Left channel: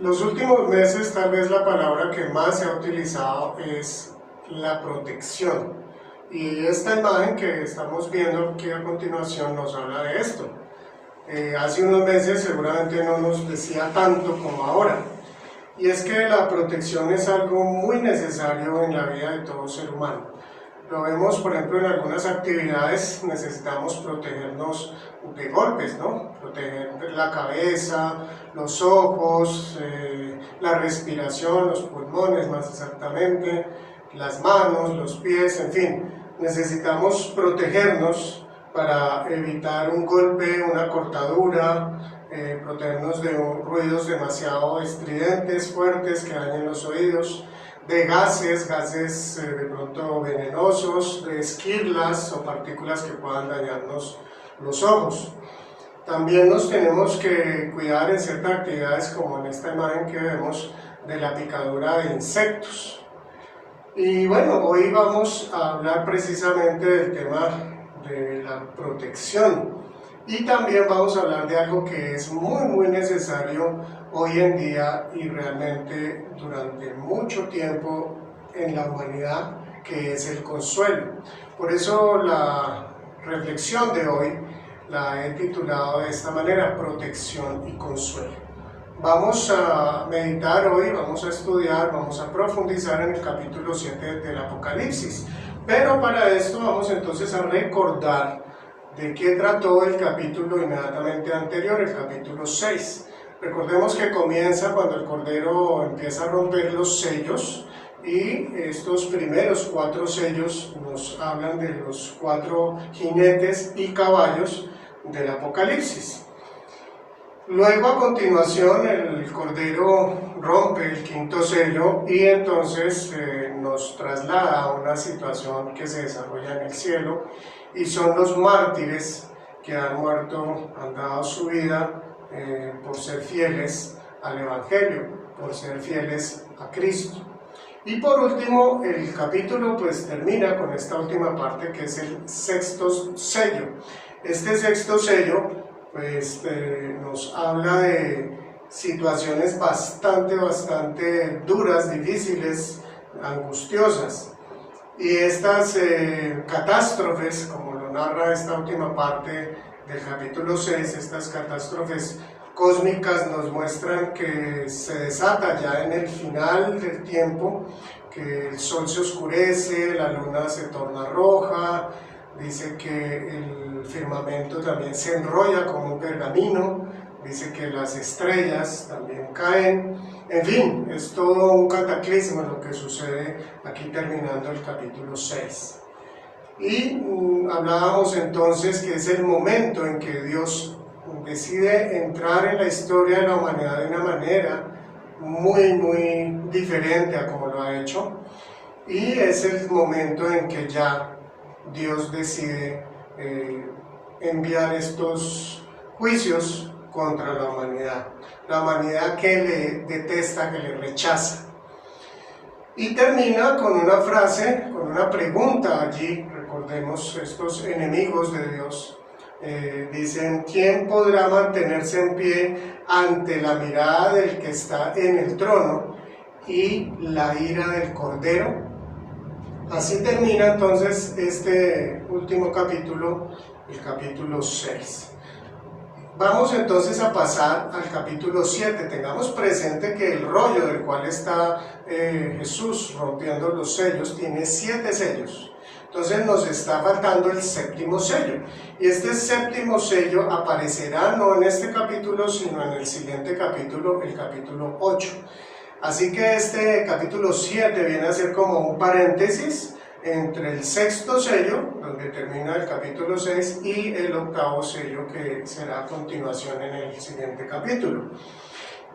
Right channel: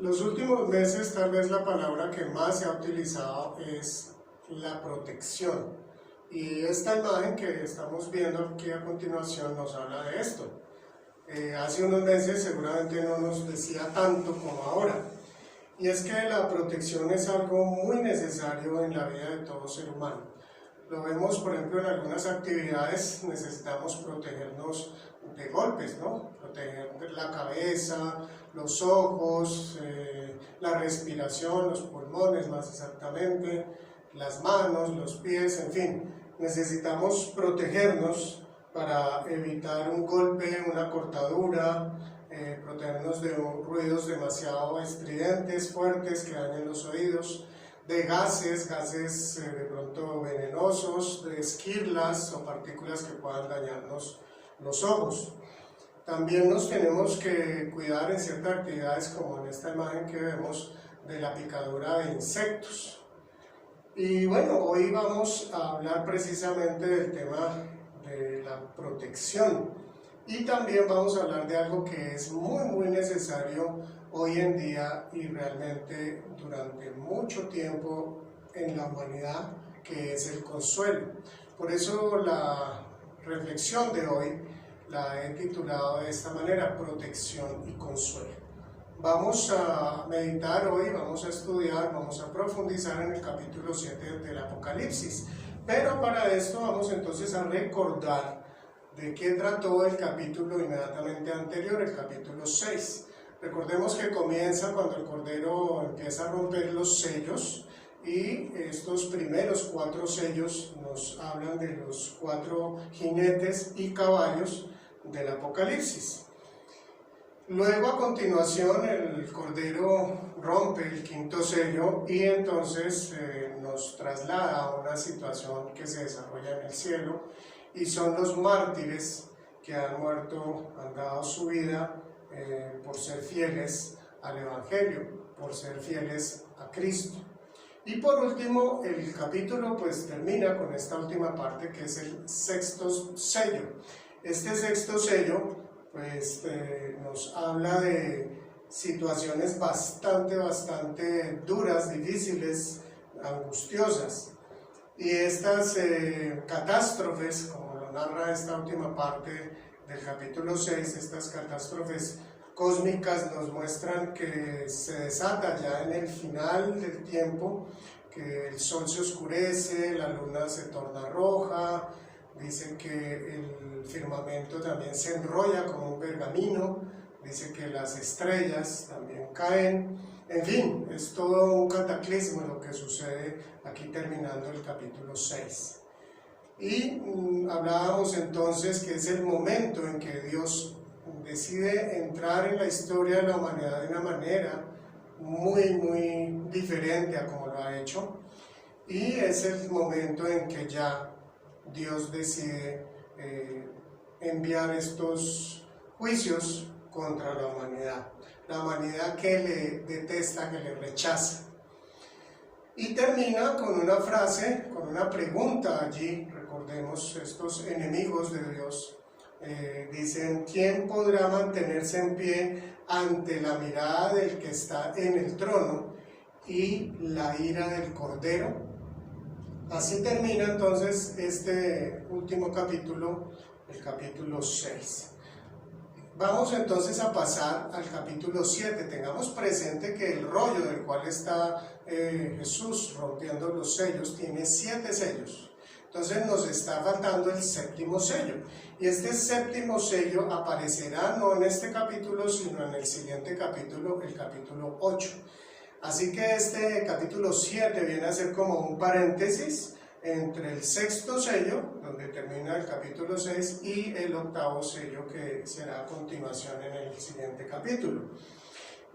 Los últimos meses tal vez la palabra que más se ha utilizado es la protección. Y esta imagen que estamos viendo aquí a continuación nos habla de esto. Hace unos meses seguramente no nos decía tanto como ahora. Y es que la protección es algo muy necesario en la vida de todo ser humano. Lo vemos, por ejemplo, en algunas actividades necesitamos protegernos de golpes, ¿no? Proteger la cabeza, los ojos, la respiración, los pulmones más exactamente, las manos, los pies, en fin. Necesitamos protegernos para evitar un golpe, una cortadura, protegernos de ruidos demasiado estridentes, fuertes, que dañen los oídos, de gases de pronto venenosos, de esquirlas o partículas que puedan dañarnos los ojos. También nos tenemos que cuidar en ciertas actividades, como en esta imagen que vemos, de la picadura de insectos. Y bueno, hoy vamos a hablar precisamente del tema de la protección. Y también vamos a hablar de algo que es muy necesario hoy en día y realmente durante mucho tiempo en la humanidad, que es el consuelo. Por eso la reflexión de hoy la he titulado de esta manera: protección y consuelo. Vamos a meditar hoy, vamos a estudiar, vamos a profundizar en el capítulo 7 del Apocalipsis. Pero para esto vamos entonces a recordar de qué trató el capítulo inmediatamente anterior, el capítulo 6. Recordemos que comienza cuando el Cordero empieza a romper los sellos, y estos primeros 4 sellos nos hablan de los 4 jinetes y caballos del Apocalipsis. Luego, a continuación, el Cordero rompe el 5.º sello y entonces nos traslada a una situación que se desarrolla en el cielo, y son los mártires que han muerto, han dado su vida por ser fieles al Evangelio, por ser fieles a Cristo. Y por último, el capítulo pues termina con esta última parte, que es el 6.º sello. Este 6.º sello pues nos habla de situaciones bastante duras, difíciles, angustiosas. Y estas catástrofes, como lo narra esta última parte del capítulo 6, estas catástrofes cósmicas nos muestran que se desata ya en el final del tiempo, que el sol se oscurece, la luna se torna roja, dice que el firmamento también se enrolla como un pergamino, dice que las estrellas también caen. En fin, es todo un cataclismo lo que sucede aquí terminando el capítulo 6. Y hablábamos entonces que es el momento en que Dios decide entrar en la historia de la humanidad de una manera muy diferente a como lo ha hecho, y es el momento en que ya Dios decide enviar estos juicios contra la humanidad que le detesta, que le rechaza. Y termina con una frase, con una pregunta allí. Recordemos, estos enemigos de Dios dicen: ¿quién podrá mantenerse en pie ante la mirada del que está en el trono y la ira del Cordero? Así termina entonces este último capítulo, el capítulo 6. Vamos entonces a pasar al capítulo 7. Tengamos presente que el rollo del cual está Jesús rompiendo los sellos tiene 7 sellos. Entonces nos está faltando el 7.º sello. Y este 7.º sello aparecerá no en este capítulo, sino en el siguiente capítulo, el capítulo 8. Así que este capítulo 7 viene a ser como un paréntesis entre el 6.º sello, donde termina el capítulo 6, y el 8.º sello, que será a continuación en el siguiente capítulo.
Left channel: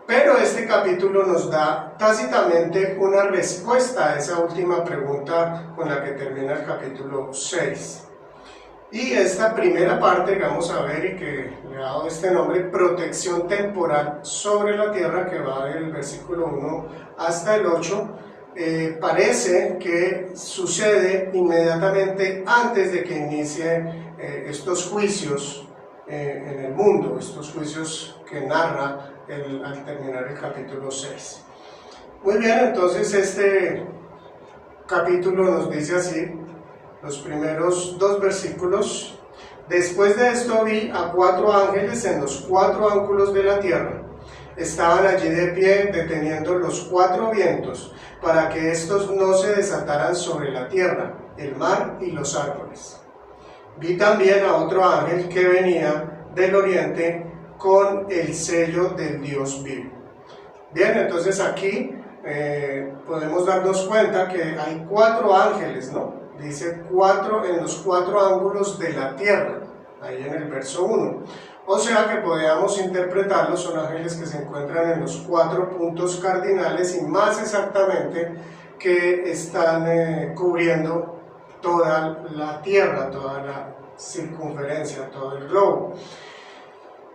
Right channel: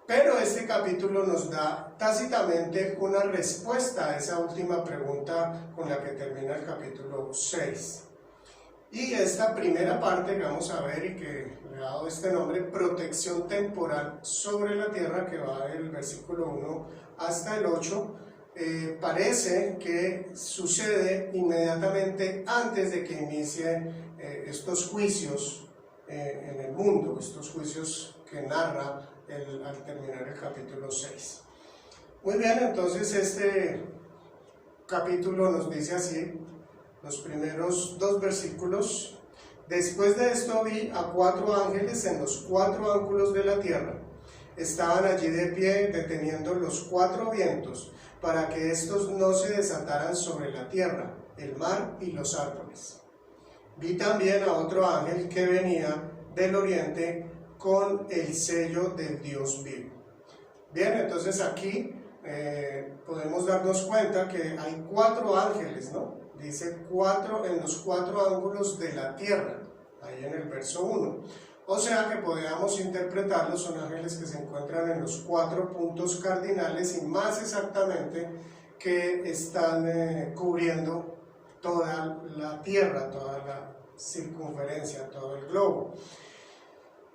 Pero este capítulo nos da tácitamente una respuesta a esa última pregunta con la que termina el capítulo 6. Y esta primera parte que vamos a ver, y que le ha dado este nombre, protección temporal sobre la tierra, que va del versículo 1 hasta el 8, parece que sucede inmediatamente antes de que inicie estos juicios en el mundo, estos juicios que narra al terminar el capítulo 6. Muy bien, entonces este capítulo nos dice así, los primeros 2 versículos. Después de esto vi a 4 ángeles en los 4 ángulos de la tierra. Estaban allí de pie, deteniendo los 4 vientos, para que estos no se desataran sobre la tierra, el mar y los árboles. Vi también a otro ángel que venía del oriente con el sello del Dios vivo. Bien, entonces aquí podemos darnos cuenta que hay 4 ángeles, ¿no? Dice 4 en los 4 ángulos de la tierra, ahí en el verso 1. O sea que podríamos interpretarlos, son ángeles que se encuentran en los 4 puntos cardinales y más exactamente que están cubriendo toda la tierra, toda la circunferencia, todo el globo.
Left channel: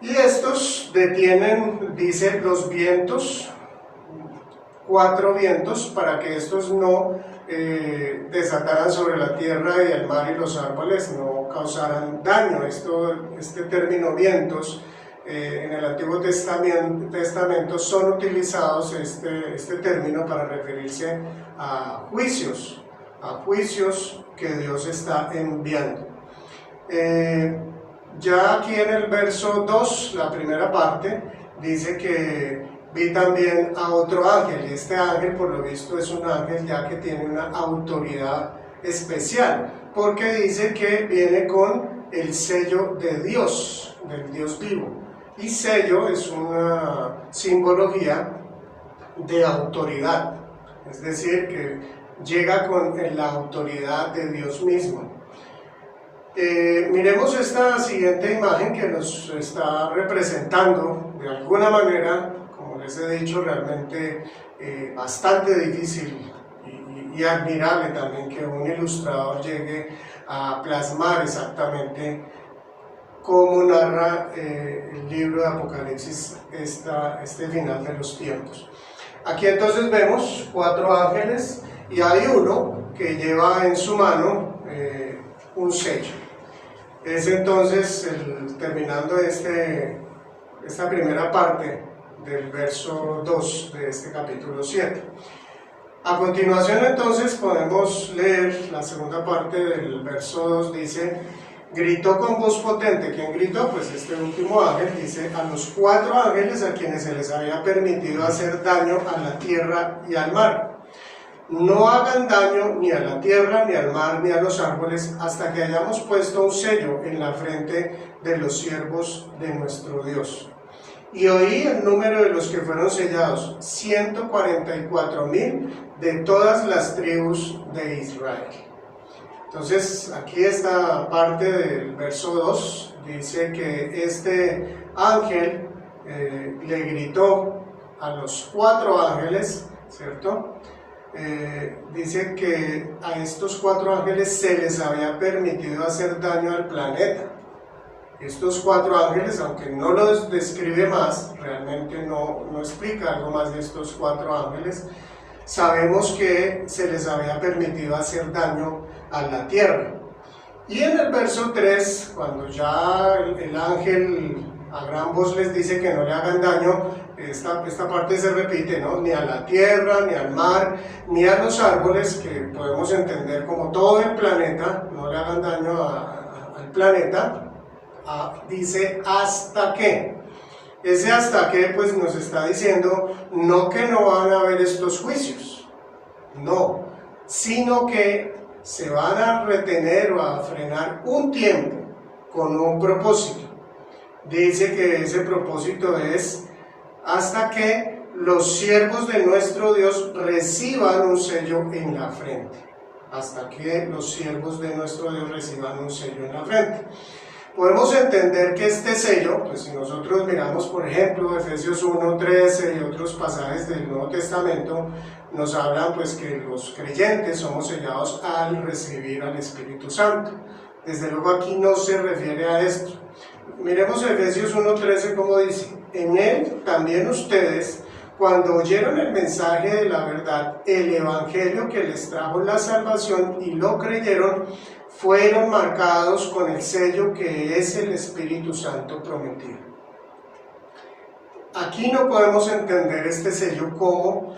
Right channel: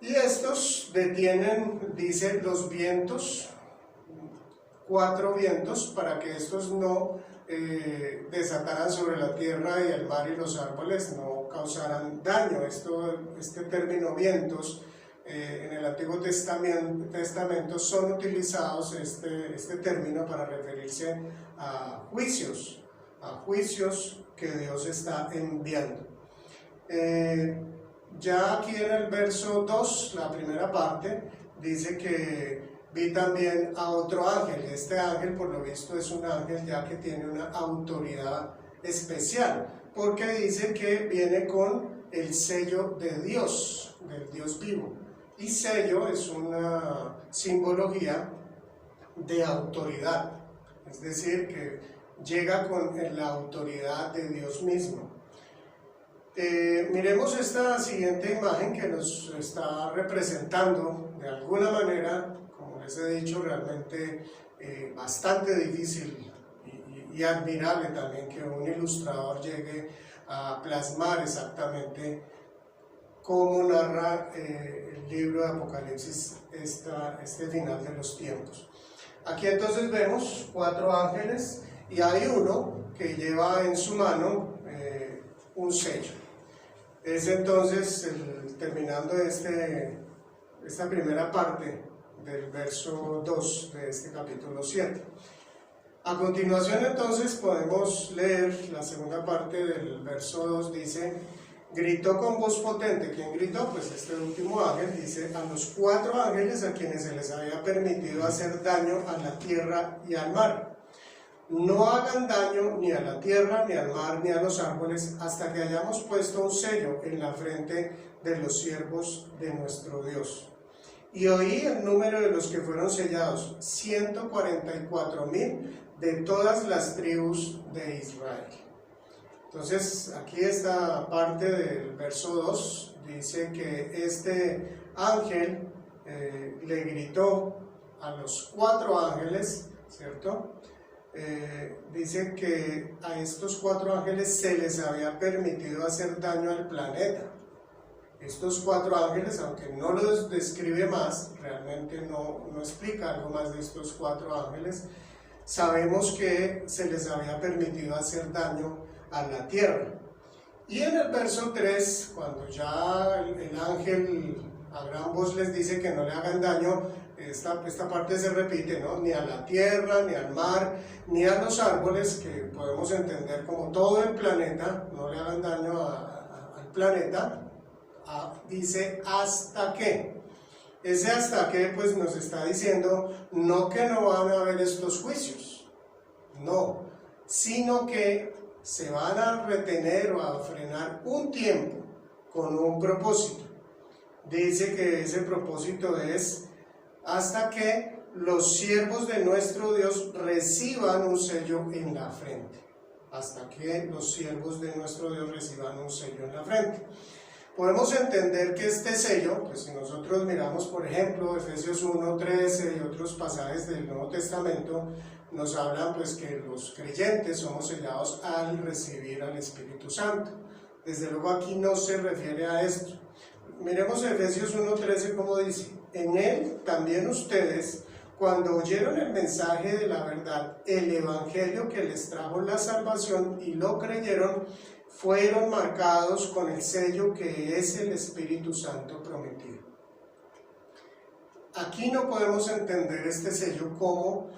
Y estos detienen, dice, los vientos, 4 vientos, para que estos no desataran sobre la tierra y el mar y los árboles, no causaran daño. Este término vientos en el Antiguo Testamento son utilizados, este término, para referirse a juicios que Dios está enviando. Ya aquí en el verso 2, la primera parte, dice que vi también a otro ángel, y este ángel por lo visto es un ángel ya que tiene una autoridad especial, porque dice que viene con el sello de Dios, del Dios vivo, y sello es una simbología de autoridad, es decir, que llega con la autoridad de Dios mismo. Miremos esta siguiente imagen que nos está representando de alguna manera, como les he dicho, realmente bastante difícil y admirable también que un ilustrador llegue a plasmar exactamente cómo narra el libro de Apocalipsis este final de los tiempos. Aquí entonces vemos 4 ángeles y hay uno que lleva en su mano un sello. Es entonces, terminando esta primera parte del verso 2 de este capítulo 7. A continuación entonces podemos leer la segunda parte del verso 2, dice: gritó con voz potente. ¿Quién gritó? Pues este último ángel, dice: a los 4 ángeles a quienes se les había permitido hacer daño a la tierra y al mar. No hagan daño ni a la tierra, ni al mar, ni a los árboles, hasta que hayamos puesto un sello en la frente de los siervos de nuestro Dios. Y oí el número de los que fueron sellados, 144,000 de todas las tribus de Israel. Entonces, aquí esta parte del verso 2 dice que este ángel le gritó a los 4 ángeles, ¿cierto? Dice que a estos 4 ángeles se les había permitido hacer daño al planeta. Estos 4 ángeles, aunque no los describe más, realmente no explica algo más de estos 4 ángeles, sabemos que se les había permitido hacer daño a la tierra. Y en el verso 3, cuando ya el ángel a gran voz les dice que no le hagan daño, esta parte se repite, ¿no? Ni a la tierra, ni al mar, ni a los árboles, que podemos entender como todo el planeta, no le hagan daño al planeta. Dice hasta que. Ese hasta que pues nos está diciendo no que no van a haber estos juicios, no, sino que se van a retener o a frenar un tiempo con un propósito. Dice que ese propósito es hasta que los siervos de nuestro Dios reciban un sello en la frente. Hasta que los siervos de nuestro Dios reciban un sello en la frente. Podemos entender que este sello, pues si nosotros miramos por ejemplo Efesios 1:13 y otros pasajes del Nuevo Testamento, nos hablan pues que los creyentes somos sellados al recibir al Espíritu Santo. Desde luego aquí no se refiere a esto. Miremos Efesios 1:13 como dice: en él también ustedes, cuando oyeron el mensaje de la verdad, el evangelio que les trajo la salvación y lo creyeron, fueron marcados con el sello que es el Espíritu Santo prometido. aquí no podemos entender este sello como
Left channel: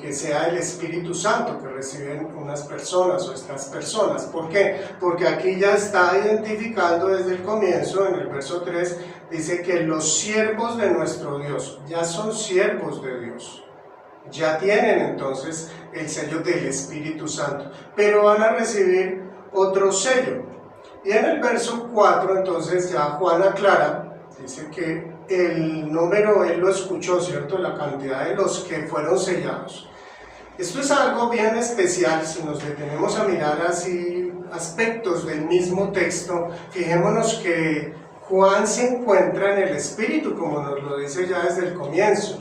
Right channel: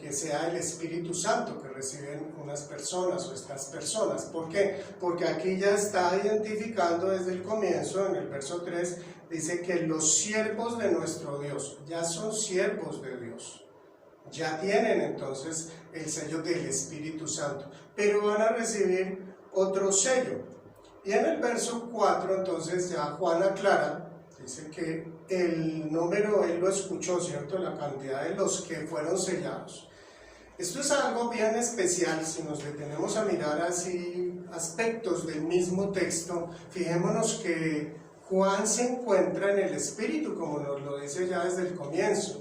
que sea el Espíritu Santo que reciben unas personas o estas personas. ¿Por qué? Porque aquí ya está identificando desde el comienzo, en el verso 3, dice que los siervos de nuestro Dios ya son siervos de Dios. Ya tienen entonces el sello del Espíritu Santo, pero van a recibir otro sello. Y en el verso 4 entonces ya Juan aclara, dice que el número él lo escuchó, ¿cierto? La cantidad de los que fueron sellados. Esto es algo bien especial. Si nos detenemos a mirar así aspectos del mismo texto, fijémonos que Juan se encuentra en el Espíritu, como nos lo dice ya desde el comienzo.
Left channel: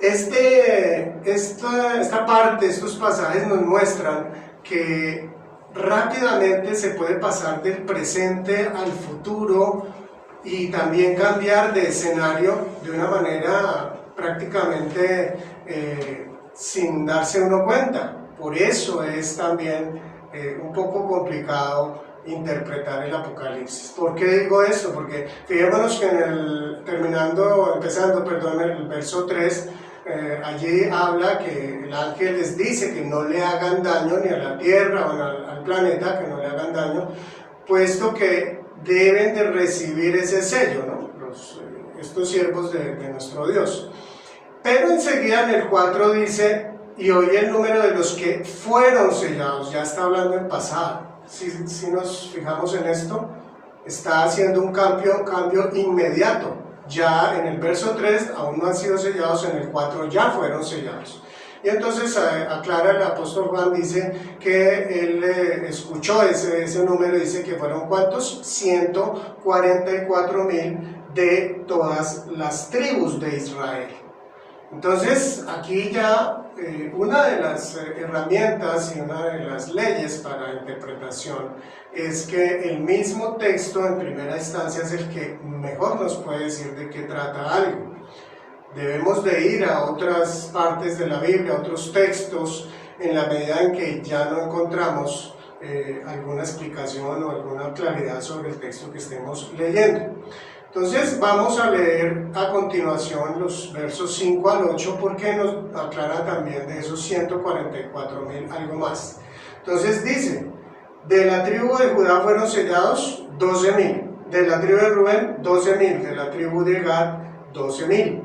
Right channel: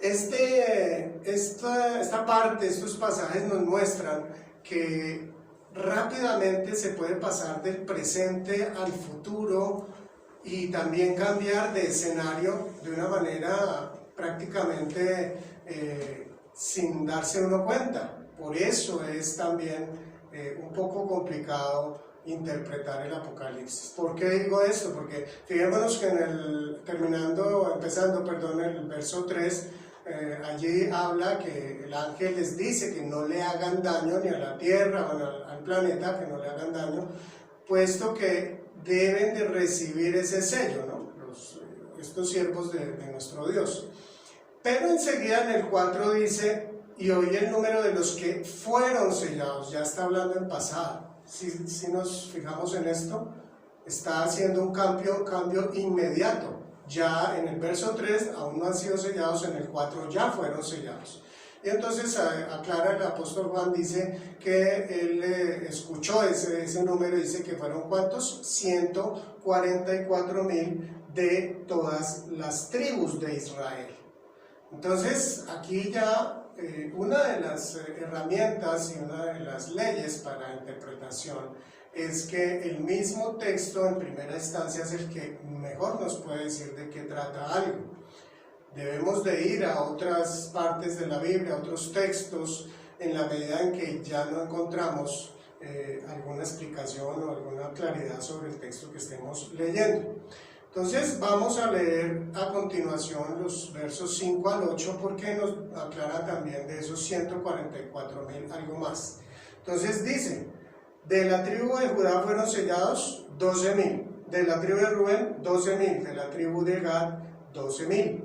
Esta parte, estos pasajes nos muestran que rápidamente se puede pasar del presente al futuro y también cambiar de escenario de una manera prácticamente sin darse uno cuenta. Por eso es también un poco complicado interpretar el Apocalipsis. ¿Por qué digo eso? Porque fijémonos que empezando el verso 3, allí habla que el ángel les dice que no le hagan daño ni a la tierra o al planeta, que no le hagan daño, puesto que deben de recibir ese sello, ¿no? Estos siervos de nuestro Dios. Pero enseguida en el 4 dice, y oí el número de los que fueron sellados, ya está hablando en pasado. Si nos fijamos en esto, está haciendo un cambio inmediato. Ya en el verso 3 aún no han sido sellados, en el 4 ya fueron sellados. Y entonces aclara el apóstol Juan, dice que él escuchó ese número, dice que fueron ¿cuántos? 144,000 de todas las tribus de Israel. Entonces aquí ya una de las herramientas y una de las leyes para interpretación es que el mismo texto en primera instancia es el que mejor nos puede decir de qué trata algo. Debemos de ir a otras partes de la Biblia, a otros textos, en la medida en que ya no encontramos alguna explicación o alguna claridad sobre el texto que estemos leyendo. Entonces vamos a leer a continuación los versos 5 al 8 porque nos aclara también de esos 144,000 algo más. Entonces dice, de la tribu de Judá fueron sellados 12,000, de la tribu de Rubén 12,000, de la tribu de Gad 12,000,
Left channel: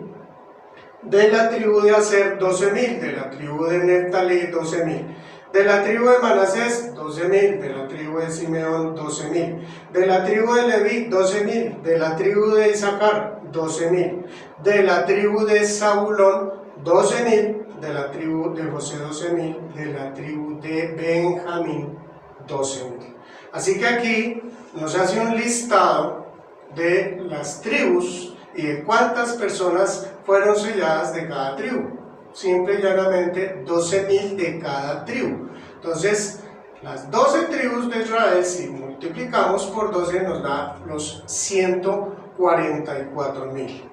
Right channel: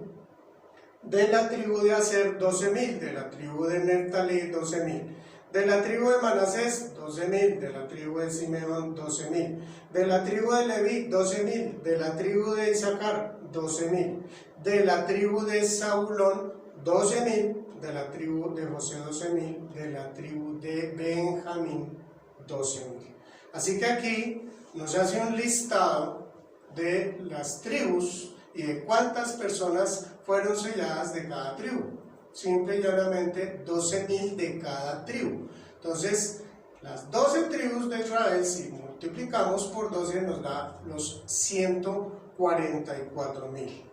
de la tribu de Aser 12,000, de la tribu de Neftalí 12,000, de la tribu de Manasés 12,000, de la tribu de Simeón 12,000, de la tribu de Leví 12,000, de la tribu de Isaacar 12,000, de la tribu de Zabulón 12,000, de la tribu de José 12,000, de la tribu de Benjamín 12,000. Así que aquí nos hace un listado de las tribus y de cuántas personas fueron selladas de cada tribu. Simple y llanamente 12,000 de cada tribu. Entonces, las 12 tribus de Israel, si multiplicamos por 12, nos da los 144,000.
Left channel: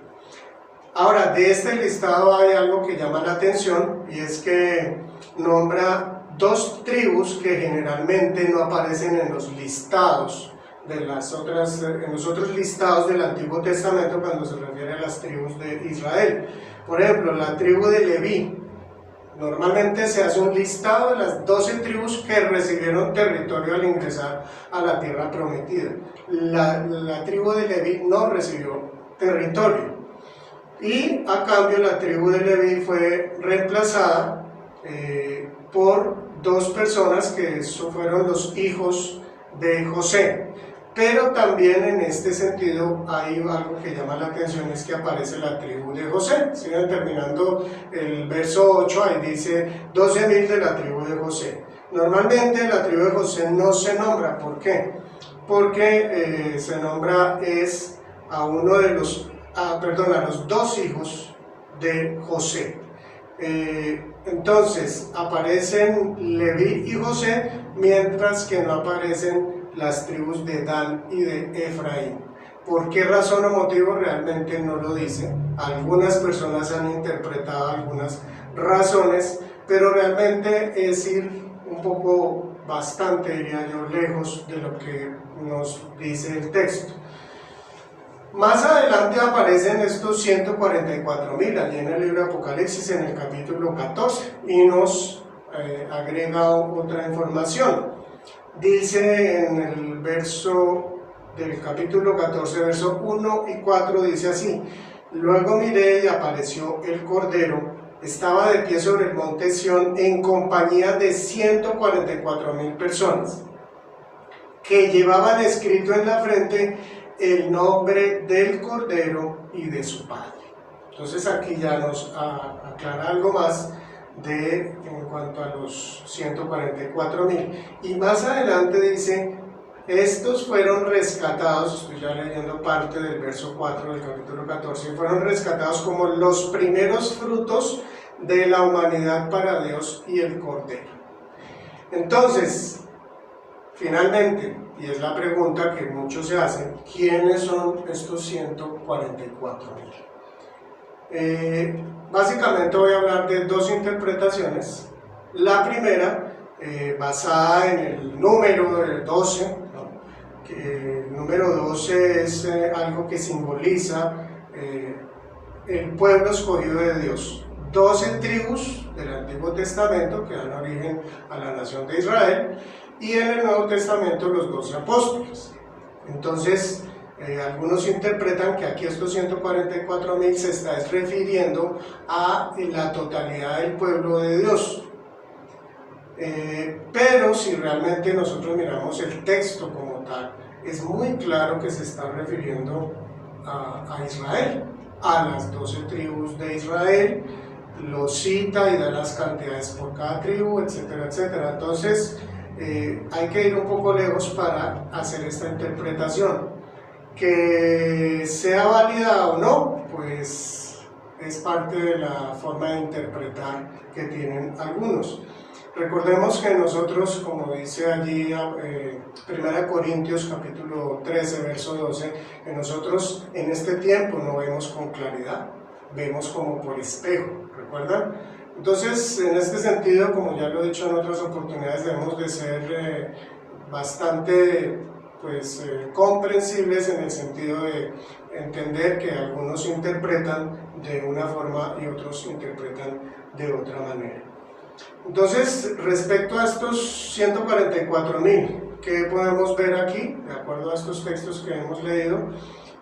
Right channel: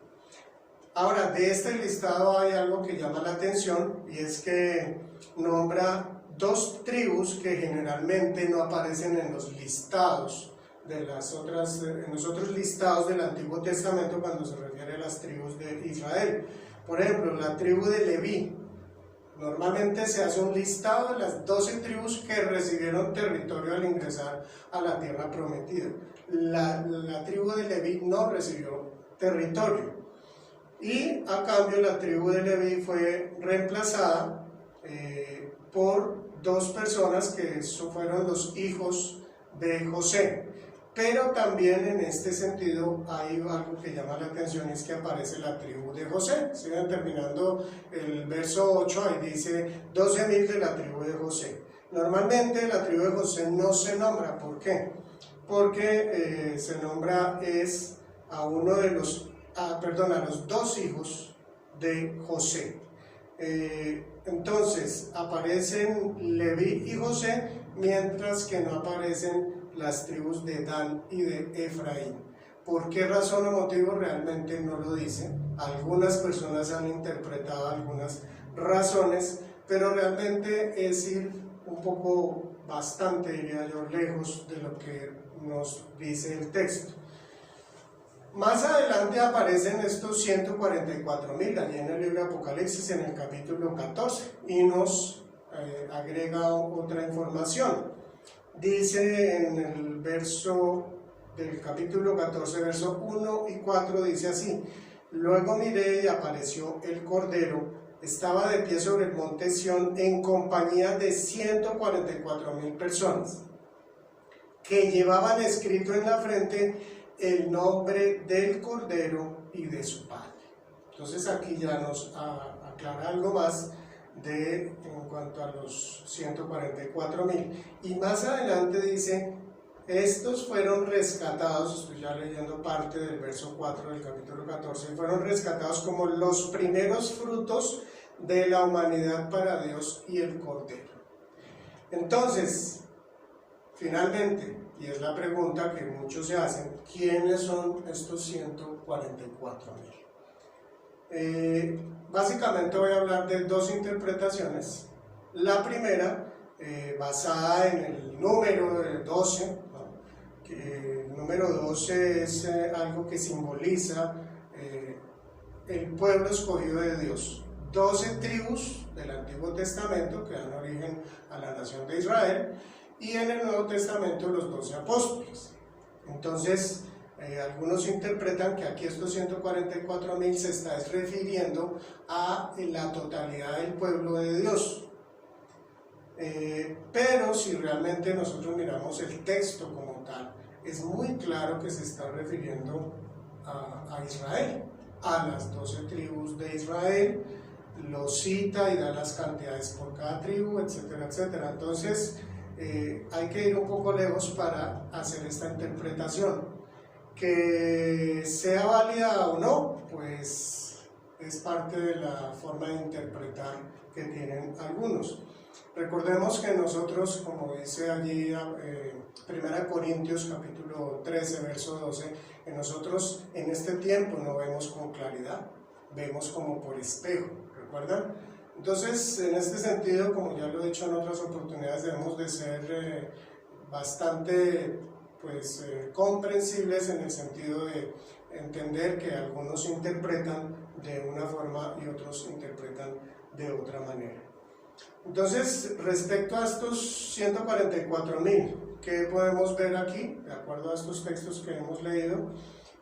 Ahora, de este listado hay algo que llama la atención y es que nombra dos tribus que generalmente no aparecen en los listados de las otras, en los otros listados del Antiguo Testamento cuando se refiere a las tribus de Israel. Por ejemplo, la tribu de Leví. Normalmente se hace un listado de las 12 tribus que recibieron territorio al ingresar a la tierra prometida. La tribu de Leví no recibió territorio. Y a cambio la tribu de Leví fue reemplazada por dos personas que fueron los hijos de José. Pero también en este sentido hay algo que llama la atención, es que aparece la tribu de José. Sigan terminando el verso 8, ahí dice 12,000 de la tribu de José. Normalmente la tribu de José no se nombra. ¿Por qué? Porque se nombra a los dos hijos de José. Entonces aparecen Leví y José, mientras que no aparecen las tribus de Dan y de Efraín. ¿Por qué razón o motivo? Realmente no lo dice. Algunas personas han interpretado algunas razones, pero realmente es ir un poco, bastante diría yo, lejos de lo que nos dice el texto. Más adelante aparecen estos 144.000 allí en el libro de Apocalipsis en el capítulo 14 y nos agrega otra información. Dice en el verso del capítulo 14, verso 1 y 4, dice así: luego miré y apareció el Cordero, estaba de pie sobre el monte Sión en compañía de 144.000 personas que llevaban escrito en la frente el nombre del Cordero y de su Padre. Entonces aquí ya nos aclara algo más en cuanto a los 144.000. Y más adelante dice: estos fueron rescatados, estoy ya leyendo parte del verso 4 del capítulo 14, fueron rescatados como los primeros frutos de la humanidad para Dios y el Cordero. Entonces, finalmente, y es la pregunta que muchos se hacen, ¿quiénes son estos 144.000? Básicamente voy a hablar de dos interpretaciones. La primera, basada en el número del 12, ¿no? Que el número 12 es algo que simboliza el pueblo escogido de Dios. 12 tribus del Antiguo Testamento que dan origen a la nación de Israel, y en el Nuevo Testamento los 12 apóstoles. Entonces, algunos interpretan que aquí estos 144.000 se está refiriendo a la totalidad del pueblo de Dios. Pero si realmente nosotros miramos el texto como tal, es muy claro que se está refiriendo a Israel, a las 12 tribus de Israel. Lo cita y da las cantidades por cada tribu, etcétera, etcétera. Entonces, hay que ir un poco lejos para hacer esta interpretación. Que sea válida o no, pues es parte de la forma de interpretar que tienen algunos. Recordemos que nosotros, como dice allí 1 Corintios capítulo 13, verso 12, que nosotros en este tiempo no vemos con claridad, vemos como por espejo, ¿recuerdan? Entonces, en este sentido, como ya lo he dicho en otras oportunidades, debemos de ser bastante comprensibles en el sentido de entender que algunos interpretan de una forma y otros interpretan de otra manera. Entonces, respecto a estos 144.000, ¿qué podemos ver aquí? De acuerdo a estos textos que hemos leído,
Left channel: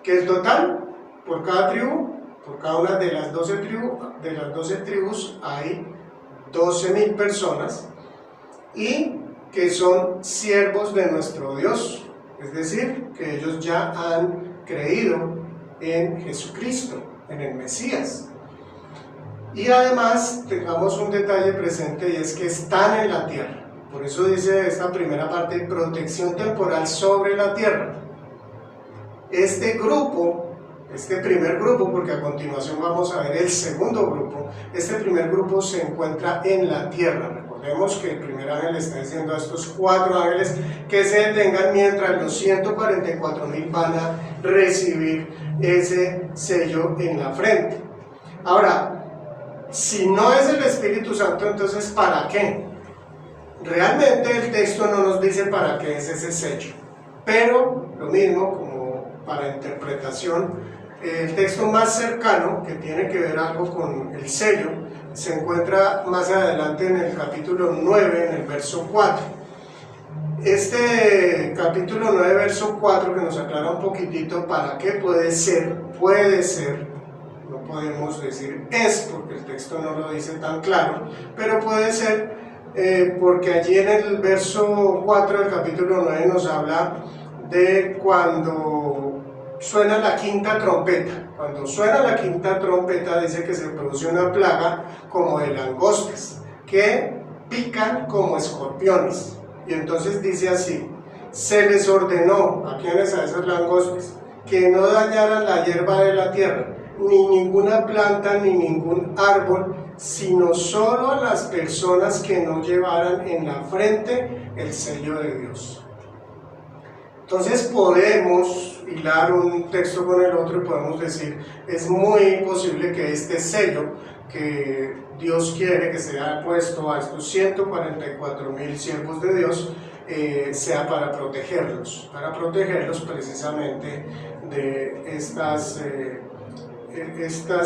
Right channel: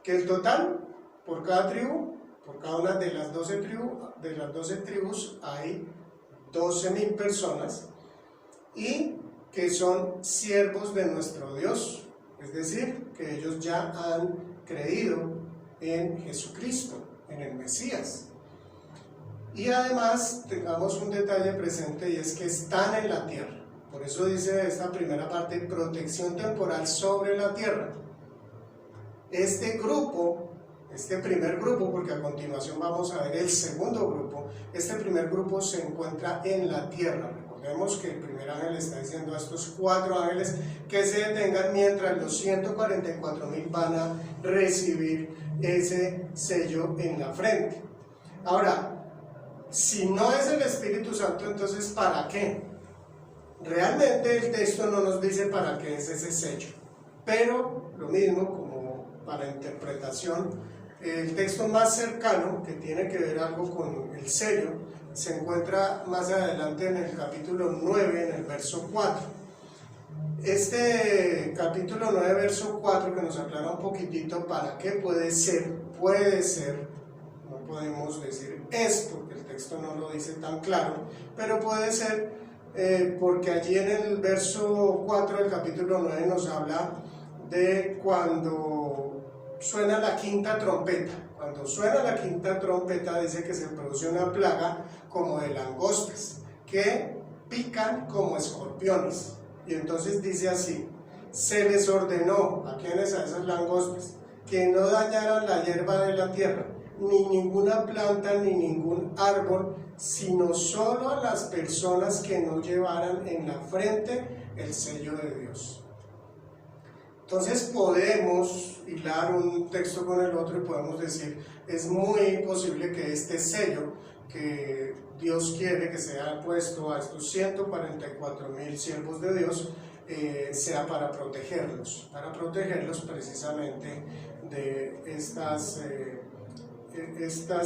que el total, por cada tribu, por cada una de las 12 tribus hay 12.000 personas, y que son siervos de nuestro Dios, es decir, que ellos ya han creído en Jesucristo, en el Mesías. Y además tengamos un detalle presente, y es que están en la tierra. Por eso dice esta primera parte: protección temporal sobre la tierra. Este primer grupo, porque a continuación vamos a ver el segundo grupo, este primer grupo se encuentra en la tierra. Recordemos que el primer ángel está diciendo a estos 4 ángeles que se detengan mientras los 144.000 van a recibir ese sello en la frente. Ahora, si no es el Espíritu Santo, entonces ¿para qué? Realmente el texto no nos dice para qué es ese sello, pero lo mismo como para interpretación, el texto más cercano que tiene que ver algo con el sello se encuentra más adelante en el capítulo 9, en el verso 4. Este capítulo 9, verso 4, que nos aclara un poquitito para qué puede ser, no podemos decir es, porque el texto no lo dice tan claro, pero puede ser porque allí en el verso 4 del capítulo 9 nos habla de cuando suena la quinta trompeta. Cuando suena la quinta trompeta, dice que se produce una plaga como de langostas que pican como escorpiones. Y entonces dice así: se les ordenó, ¿a quiénes? A esas langostas, que no dañaran la hierba de la tierra, ni ninguna planta ni ningún árbol, sino solo a las personas que no llevaran en la frente el sello de Dios. Entonces podemos hilar un texto con el otro y podemos decir: es muy posible que este sello que Dios quiere que sea puesto a estos 144.000 siervos de Dios sea para protegerlos precisamente de estas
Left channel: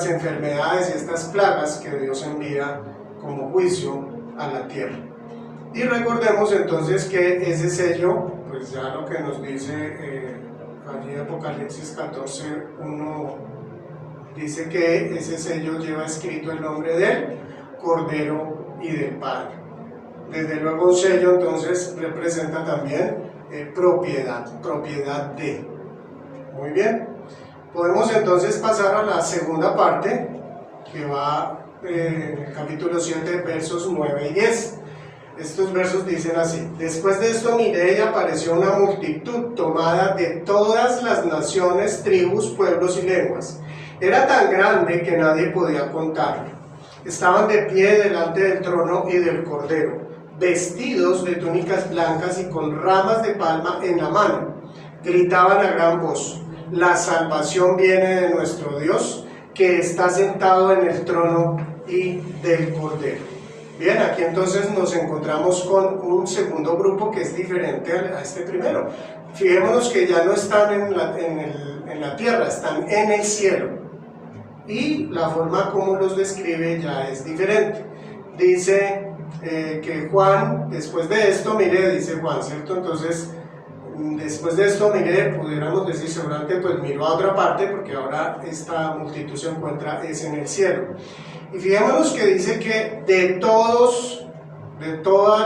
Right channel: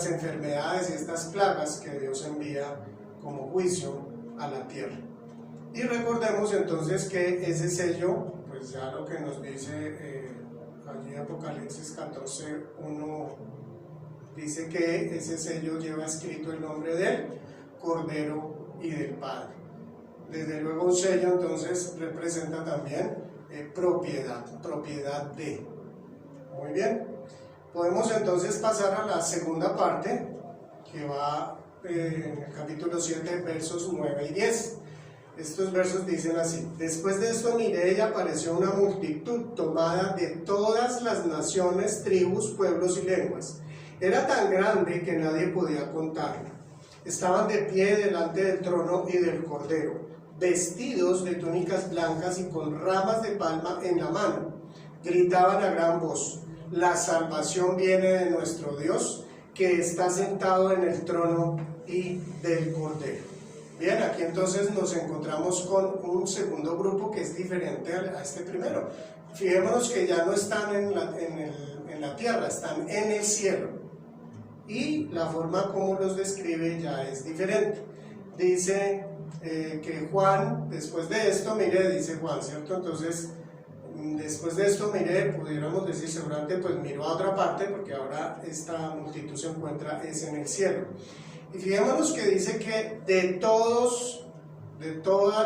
enfermedades y estas plagas que Dios envía como juicio a la tierra. Y recordemos entonces que ese sello, pues ya lo que nos dice allí Apocalipsis 14:1, dice que ese sello lleva escrito el nombre del Cordero y del Padre. Desde luego un sello entonces representa también propiedad de. Muy bien, podemos entonces pasar a la segunda parte, que va en el capítulo 7, versos 9 y 10. Estos versos dicen así: después de esto miré y apareció una multitud tomada de todas las naciones, tribus, pueblos y lenguas. Era tan grande que nadie podía contarlo. Estaban de pie delante del trono y del Cordero, vestidos de túnicas blancas y con ramas de palma en la mano. Gritaban a gran voz: la salvación viene de nuestro Dios, que está sentado en el trono y del Cordero. Bien, aquí entonces nos encontramos con un segundo grupo que es diferente a este primero. Fijémonos que ya no están en la tierra, están en el cielo. Y la forma como los describe ya es diferente. Dice que Juan, después de esto miré, dice Juan, ¿cierto? Entonces, después de esto miré, pudiéramos decir seguramente, pues miró a otra parte, porque ahora esta multitud se encuentra en el cielo. Y fijémonos que dice que de todas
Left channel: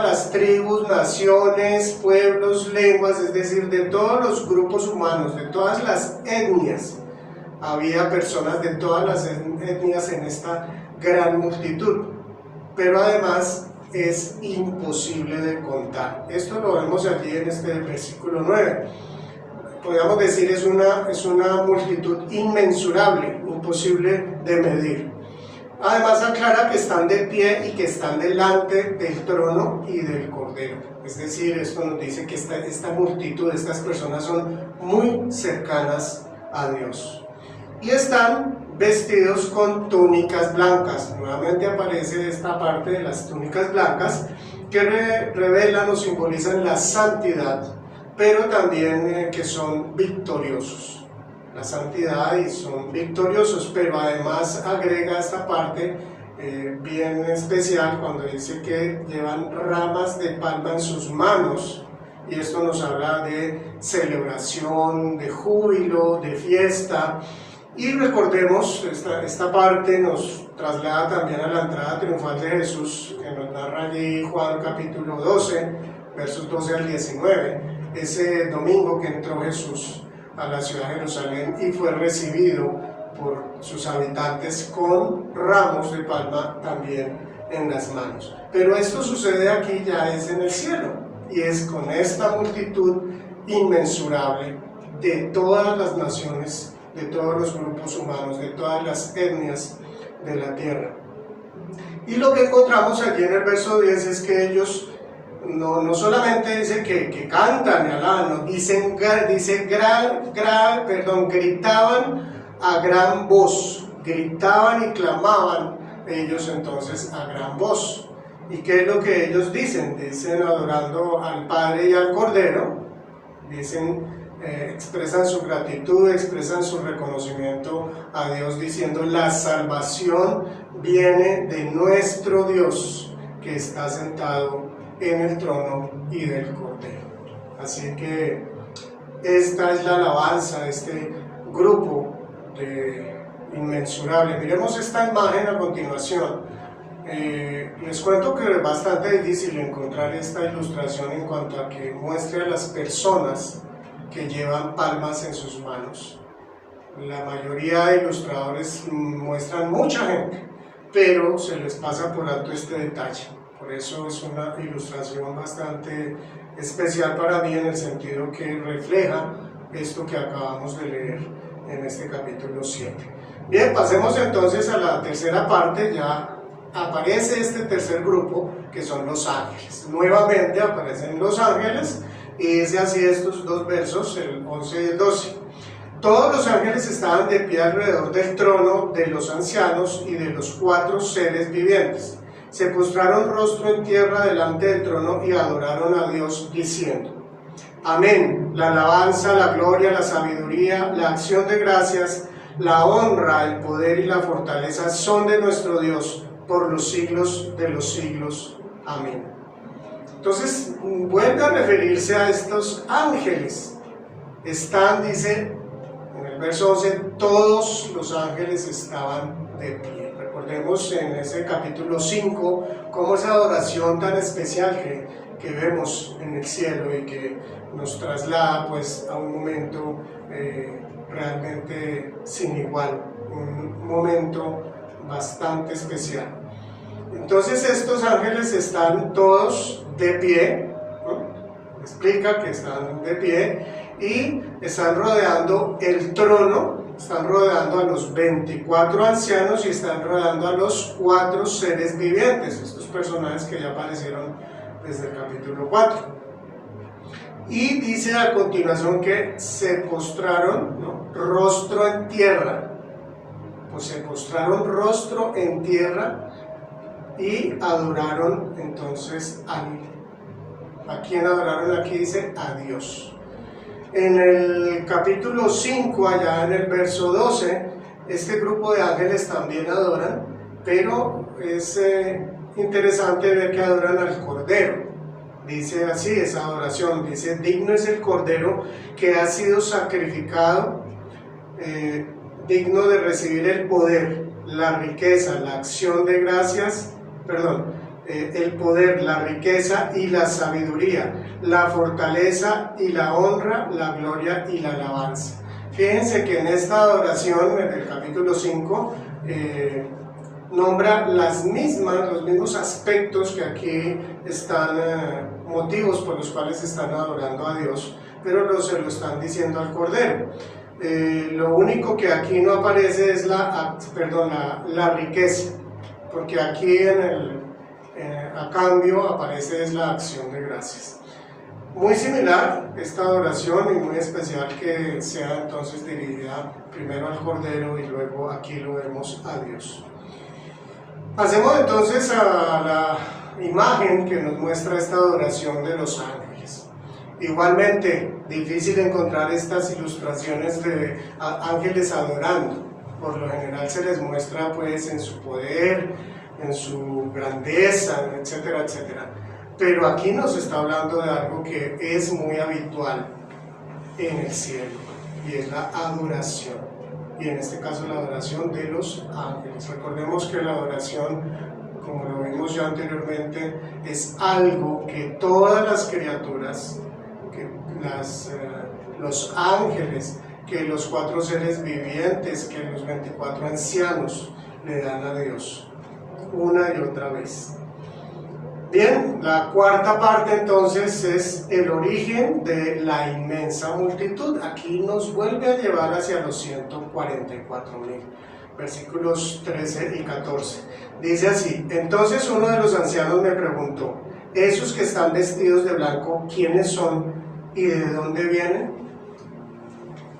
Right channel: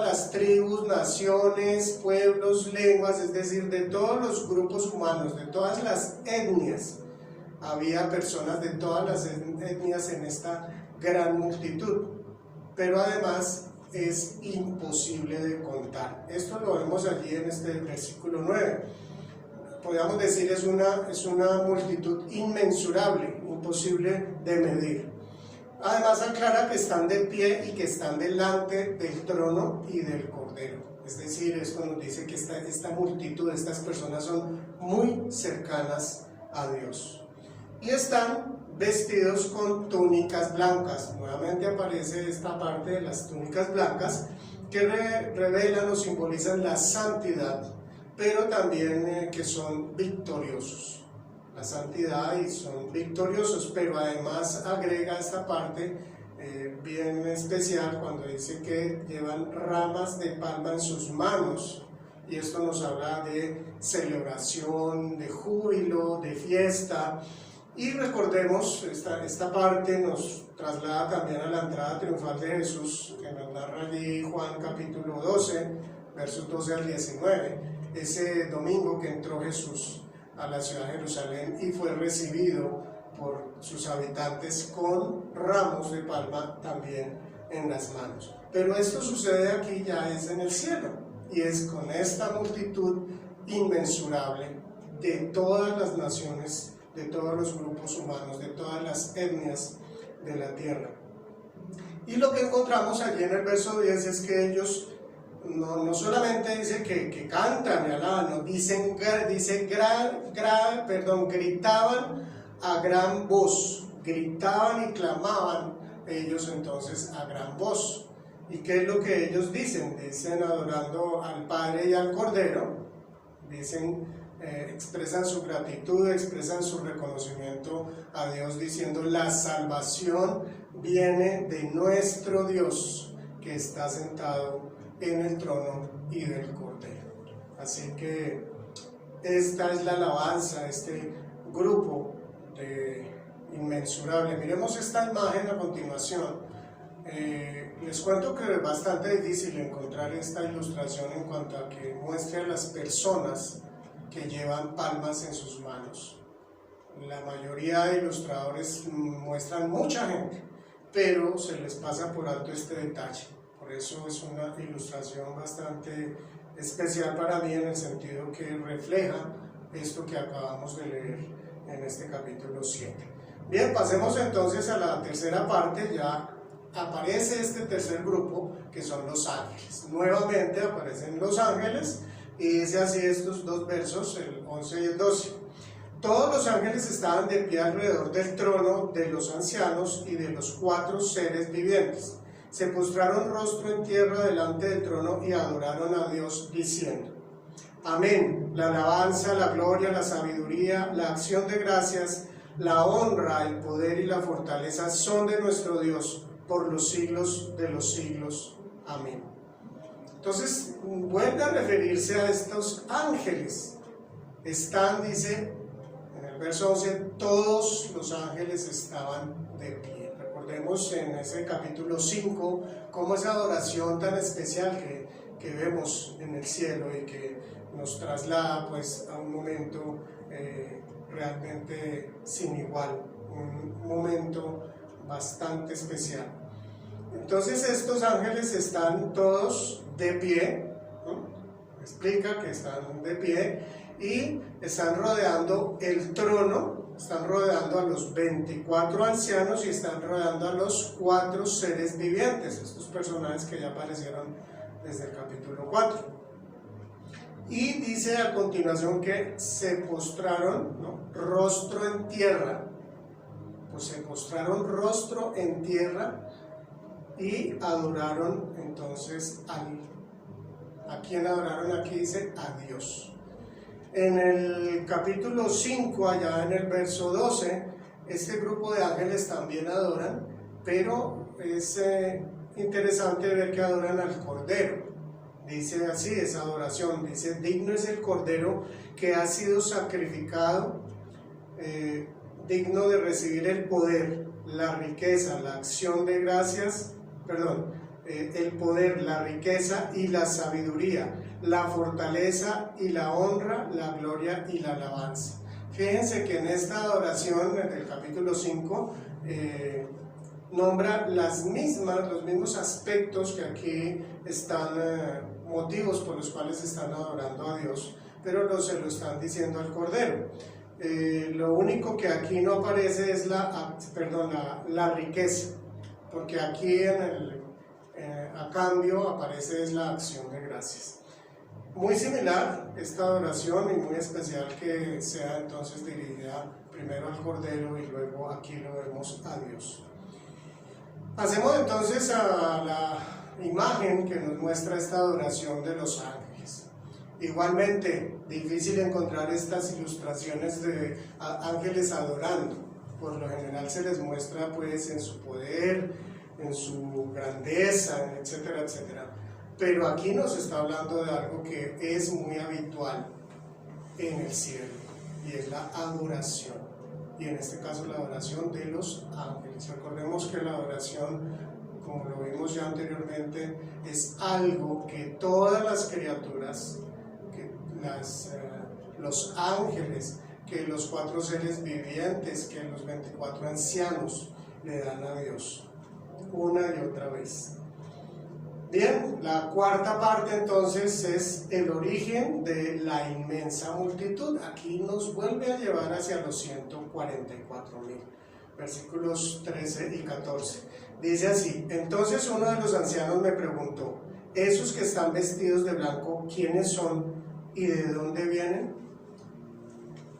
las tribus, naciones, pueblos, lenguas, es decir, de todos los grupos humanos, de todas las etnias, había personas de todas las etnias en esta gran multitud, pero además es imposible de contar. Esto lo vemos allí en este versículo 9. Podríamos decir es una multitud inmensurable, imposible de medir. Además aclara que están de pie y que están delante del trono y del Cordero. Es decir, esto nos dice que esta multitud, estas personas son muy cercanas a Dios. Y están vestidos con túnicas blancas. Nuevamente aparece esta parte de las túnicas blancas que revelan o simbolizan la santidad, pero también que son victoriosos. La santidad y son victoriosos, pero además agrega esta parte bien especial cuando dice que llevan ramas de palma en sus manos, y esto nos habla de celebración, de júbilo, de fiesta. Y recordemos, esta parte nos traslada también a la entrada triunfal de Jesús, que nos narra allí Juan capítulo 12, versos 12 al 19, ese domingo que entró Jesús a la ciudad de Jerusalén y fue recibido por sus habitantes con ramos de palma también en las manos. Pero esto sucede aquí, ya es en el cielo, y es con esta multitud inmensurable de todas las naciones, de todos los grupos humanos, de todas las etnias de la tierra. Y lo que encontramos allí en el verso 10 es que ellos no solamente dice que cantan y alaban, gritaban a gran voz, gritaban y clamaban ellos entonces a gran voz. ¿Y qué es lo que ellos dicen? Dicen adorando al Padre y al Cordero, expresan su gratitud, expresan su reconocimiento a Dios, diciendo: la salvación viene de nuestro Dios, que está sentado en el trono y del Cordero. Así que esta es la alabanza de este grupo inmensurable. Miremos esta imagen a continuación. Les cuento que es bastante difícil encontrar esta ilustración en cuanto a que muestre a las personas que llevan palmas en sus manos. La mayoría de ilustradores muestran mucha gente, pero se les pasa por alto este detalle. Por eso es una ilustración bastante especial para mí, en el sentido que refleja esto que acabamos de leer en este capítulo 7. Bien, pasemos entonces a la tercera parte. Ya aparece este tercer grupo, que son los ángeles. Nuevamente aparecen los ángeles, y dice así estos dos versos, el 11 y el 12. Todos los ángeles estaban de pie alrededor del trono, de los ancianos y de los 4 seres vivientes. se postraron rostro en tierra delante del trono y adoraron a Dios diciendo: Amén, la alabanza, la gloria, la sabiduría, la acción de gracias, la honra, el poder y la fortaleza son de nuestro Dios por los siglos de los siglos. Amén. Entonces, vuelve a referirse a estos ángeles. Están, dice en el verso 11, todos los ángeles estaban de pie. Recordemos en ese capítulo 5 cómo esa adoración tan especial que vemos en el cielo y que nos traslada pues a un momento realmente sin igual, un momento bastante especial. Entonces estos ángeles están todos de pie, ¿no? Explica que están de pie y están rodeando el trono, están rodeando a los 24 ancianos y están rodeando a los 4 seres vivientes, estos personajes que ya aparecieron desde el capítulo 4. Y dice a continuación que se postraron, ¿no?, rostro en tierra. Pues se postraron rostro en tierra y adoraron entonces a quien adoraron aquí, dice a Dios. En el capítulo 5, allá en el verso 12, este grupo de ángeles también adoran, pero es interesante ver que adoran al Cordero. Dice así esa adoración, dice: digno es el Cordero que ha sido sacrificado, digno de recibir el poder, la riqueza, la acción de gracias, el poder, la riqueza y la sabiduría, la fortaleza y la honra, la gloria y la alabanza. Fíjense que en esta adoración, en el capítulo 5, nombra los mismos aspectos que aquí están, motivos por los cuales están adorando a Dios, pero se lo están diciendo al Cordero. Lo único que aquí no aparece es la riqueza, porque aquí a cambio aparece es la acción de gracias. Muy similar esta adoración y muy especial que sea entonces dirigida primero al Cordero y luego aquí lo vemos a Dios. Pasemos entonces a la imagen que nos muestra esta adoración de los ángeles. Igualmente, difícil encontrar estas ilustraciones de ángeles adorando. Por lo general se les muestra pues en su poder, en su grandeza, etcétera, etcétera. Pero aquí nos está hablando de algo que es muy habitual en el cielo, y es la adoración. Y en este caso la adoración de los ángeles. Recordemos que la adoración, como lo vimos ya anteriormente, es algo que todas las criaturas, que los ángeles, que los 4 seres vivientes, que los 24 ancianos le dan a Dios una y otra vez. Bien, la cuarta parte entonces es el origen de la inmensa multitud. Aquí nos vuelve a llevar hacia los 144.000, versículos 13 y 14. Dice así: entonces uno de los ancianos me preguntó: ¿esos que están vestidos de blanco, quiénes son y de dónde vienen?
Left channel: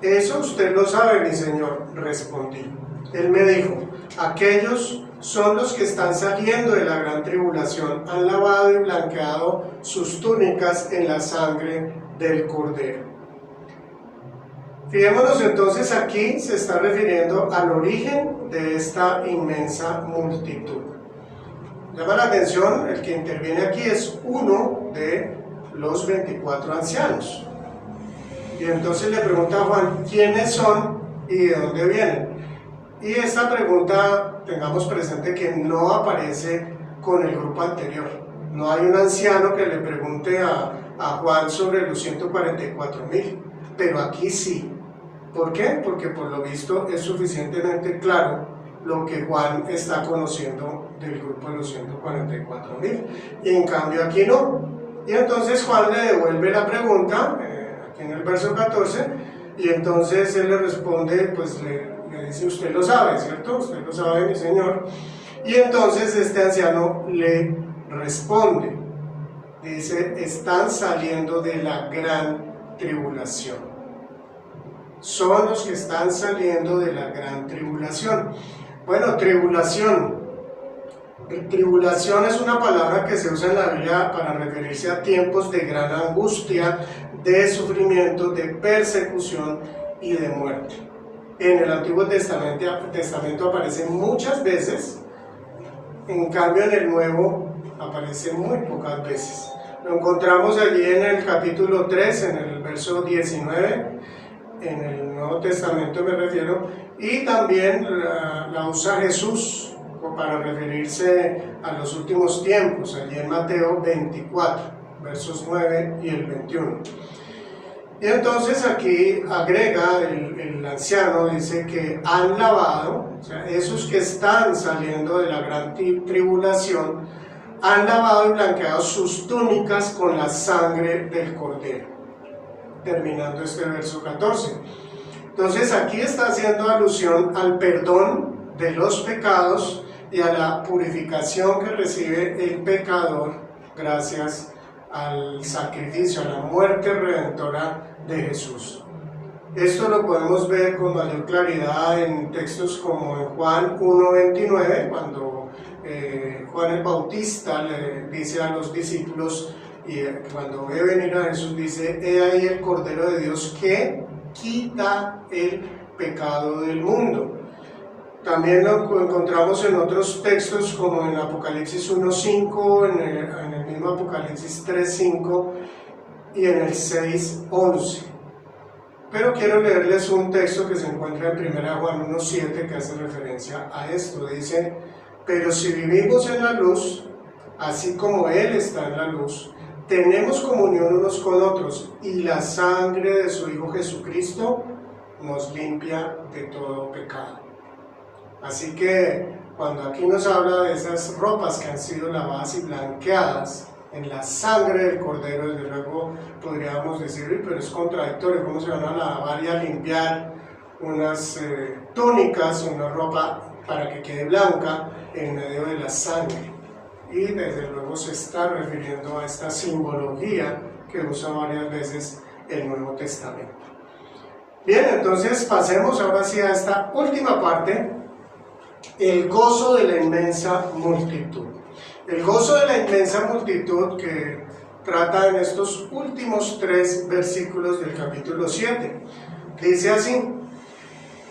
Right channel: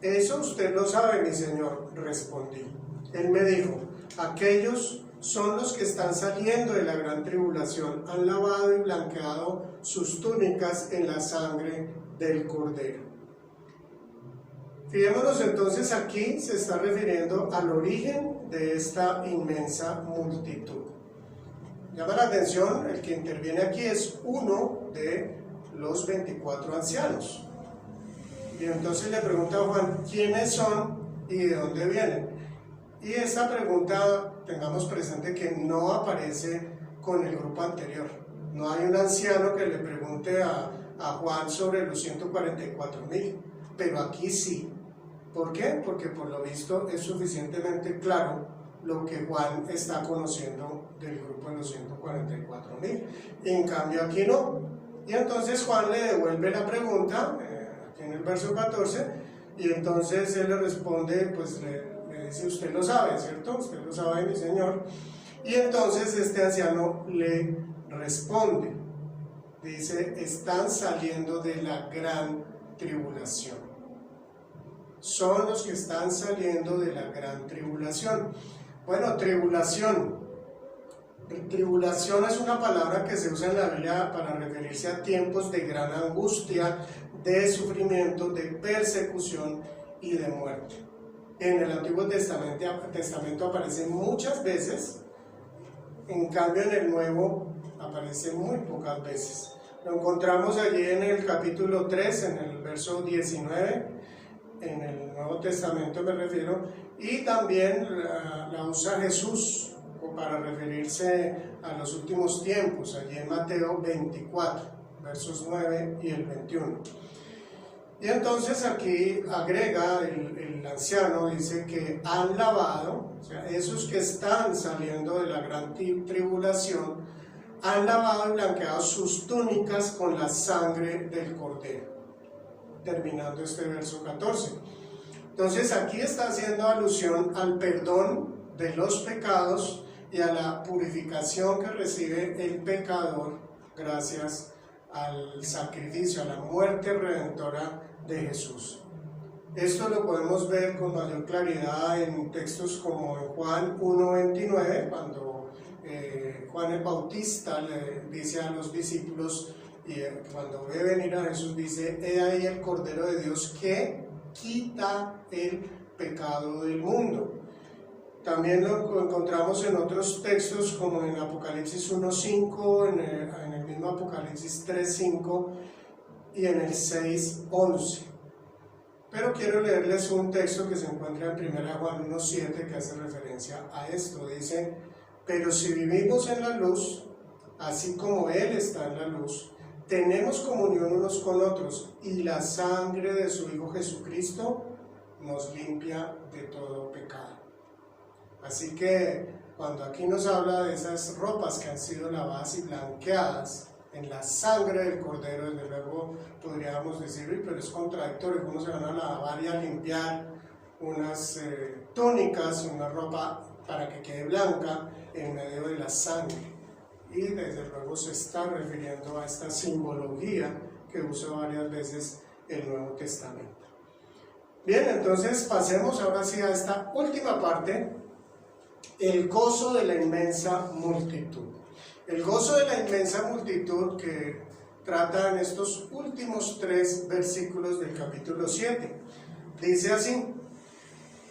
Eso usted lo sabe, mi señor, respondí. Él me dijo: aquellos son los que están saliendo de la gran tribulación, han lavado y blanqueado sus túnicas en la sangre del Cordero. Fijémonos entonces, aquí se está refiriendo al origen de esta inmensa multitud. Llama la atención, el que interviene aquí es uno de los 24 ancianos. Y entonces le pregunta a Juan: ¿quiénes son y de dónde vienen? Y esta pregunta, tengamos presente que no aparece con el grupo anterior. No hay un anciano que le pregunte a Juan sobre los 144.000, pero aquí sí. ¿Por qué? Porque por lo visto es suficientemente claro lo que Juan está conociendo del grupo de los 144.000. Y en cambio aquí no. Y entonces Juan le devuelve la pregunta, aquí en el verso 14, y entonces él le responde, pues le dice: usted lo sabe, ¿cierto? Usted lo sabe, mi señor. Y entonces este anciano le responde, dice: están saliendo de la gran tribulación. Son los que están saliendo de la gran tribulación. Bueno, tribulación, Tribulación es una palabra que se usa en la Biblia para referirse a tiempos de gran angustia, de sufrimiento, de persecución y de muerte. En el Antiguo Testamento aparece muchas veces, en cambio en el Nuevo aparece muy pocas veces. Lo encontramos allí en el capítulo 3, en el verso 19, en el Nuevo Testamento me refiero, y también la usa Jesús para referirse a los últimos tiempos, allí en Mateo 24, versos 9 y el 21. Y entonces aquí agrega el anciano, dice que han lavado, o sea, esos que están saliendo de la gran tribulación, han lavado y blanqueado sus túnicas con la sangre del Cordero. Terminando este verso 14. Entonces aquí está haciendo alusión al perdón de los pecados y a la purificación que recibe el pecador gracias al sacrificio, a la muerte redentora de Jesús. Esto lo podemos ver con mayor claridad en textos como en Juan 1:29, cuando Juan el Bautista le dice a los discípulos, y cuando ve venir a Jesús dice: he ahí el Cordero de Dios que quita el pecado del mundo. También lo encontramos en otros textos como en Apocalipsis 1:5, en el mismo Apocalipsis 3:5 y en el 6:11. Pero quiero leerles un texto que se encuentra en 1 Juan 1:7 que hace referencia a esto. Dice: pero si vivimos en la luz, así como Él está en la luz, tenemos comunión unos con otros, y la sangre de su Hijo Jesucristo nos limpia de todo pecado. Así que cuando aquí nos habla de esas ropas que han sido lavadas y blanqueadas en la sangre del Cordero, desde luego podríamos decir, pero es contradictorio, ¿cómo se van a lavar y a limpiar unas túnicas, una ropa para que quede blanca en medio de la sangre? Y desde luego se está refiriendo a esta simbología que usa varias veces el Nuevo Testamento. Bien, entonces pasemos ahora sí a esta última parte, el gozo de la inmensa multitud. El gozo de la inmensa multitud que trata en estos últimos 3 versículos del capítulo 7. Dice así:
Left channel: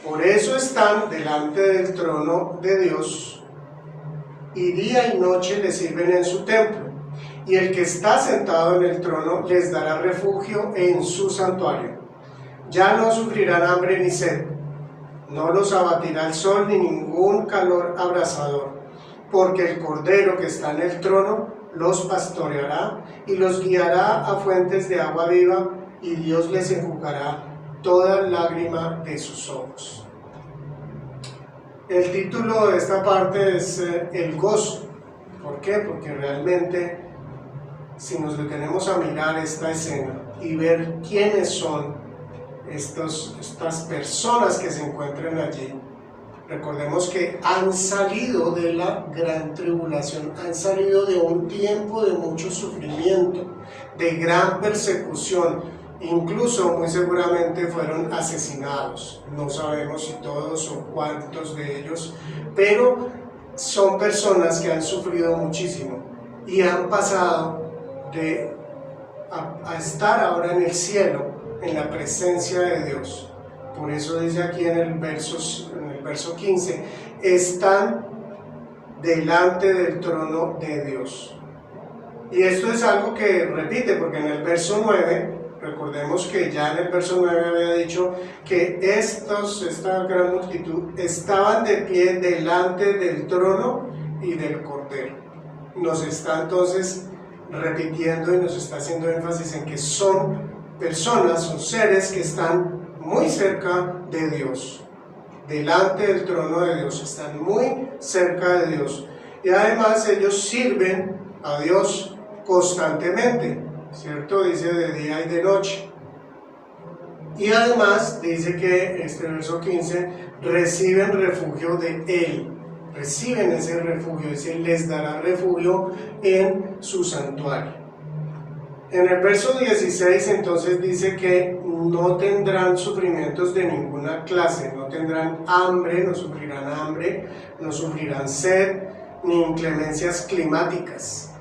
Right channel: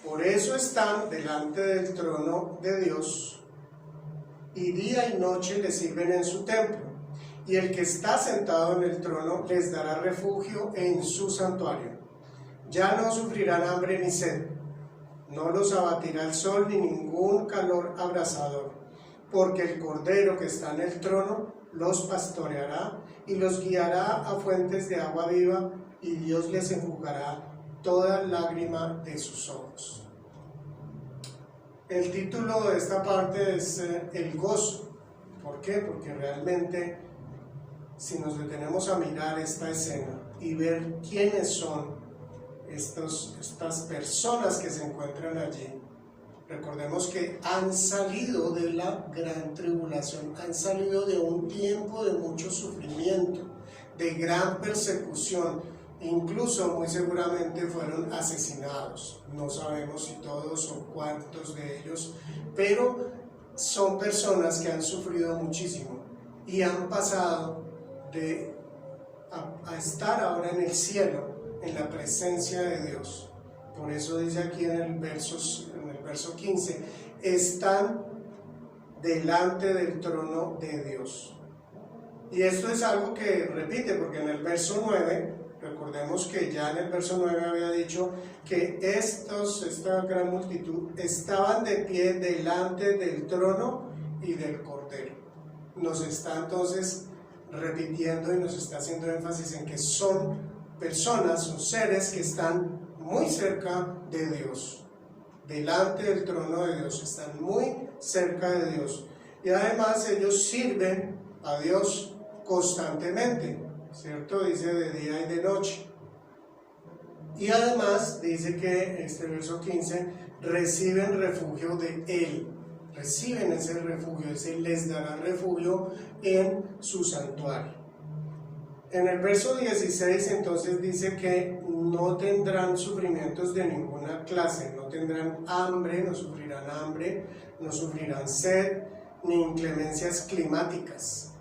por eso están delante del trono de Dios, y día y noche le sirven en su templo, y el que está sentado en el trono les dará refugio en su santuario. Ya no sufrirán hambre ni sed, no los abatirá el sol ni ningún calor abrasador, porque el Cordero que está en el trono los pastoreará y los guiará a fuentes de agua viva, y Dios les enjugará toda lágrima de sus ojos. El título de esta parte es el gozo. ¿Por qué? Porque realmente, si nos detenemos a mirar esta escena y ver quiénes son estas personas que se encuentran allí, recordemos que han salido de la gran tribulación, han salido de un tiempo de mucho sufrimiento, de gran persecución, incluso muy seguramente fueron asesinados. No sabemos si todos o cuántos de ellos, pero son personas que han sufrido muchísimo y han pasado a estar ahora en el cielo, en la presencia de Dios. Por eso dice aquí en el verso 15, están delante del trono de Dios. Y esto es algo que repite, porque en el verso 9, recordemos que ya en el verso 9 había dicho que esta gran multitud estaban de pie delante del trono y del Cordero. Nos está entonces repitiendo y nos está haciendo énfasis en que son personas, son seres que están muy cerca de Dios, delante del trono de Dios, están muy cerca de Dios, y además ellos sirven a Dios constantemente, ¿cierto? Dice de día y de noche. Y además dice que este verso 15, reciben refugio de Él, reciben ese refugio, dice, les dará refugio en su santuario. En el verso 16 entonces dice que no tendrán sufrimientos de ninguna clase, no tendrán hambre, no sufrirán sed, ni inclemencias climáticas.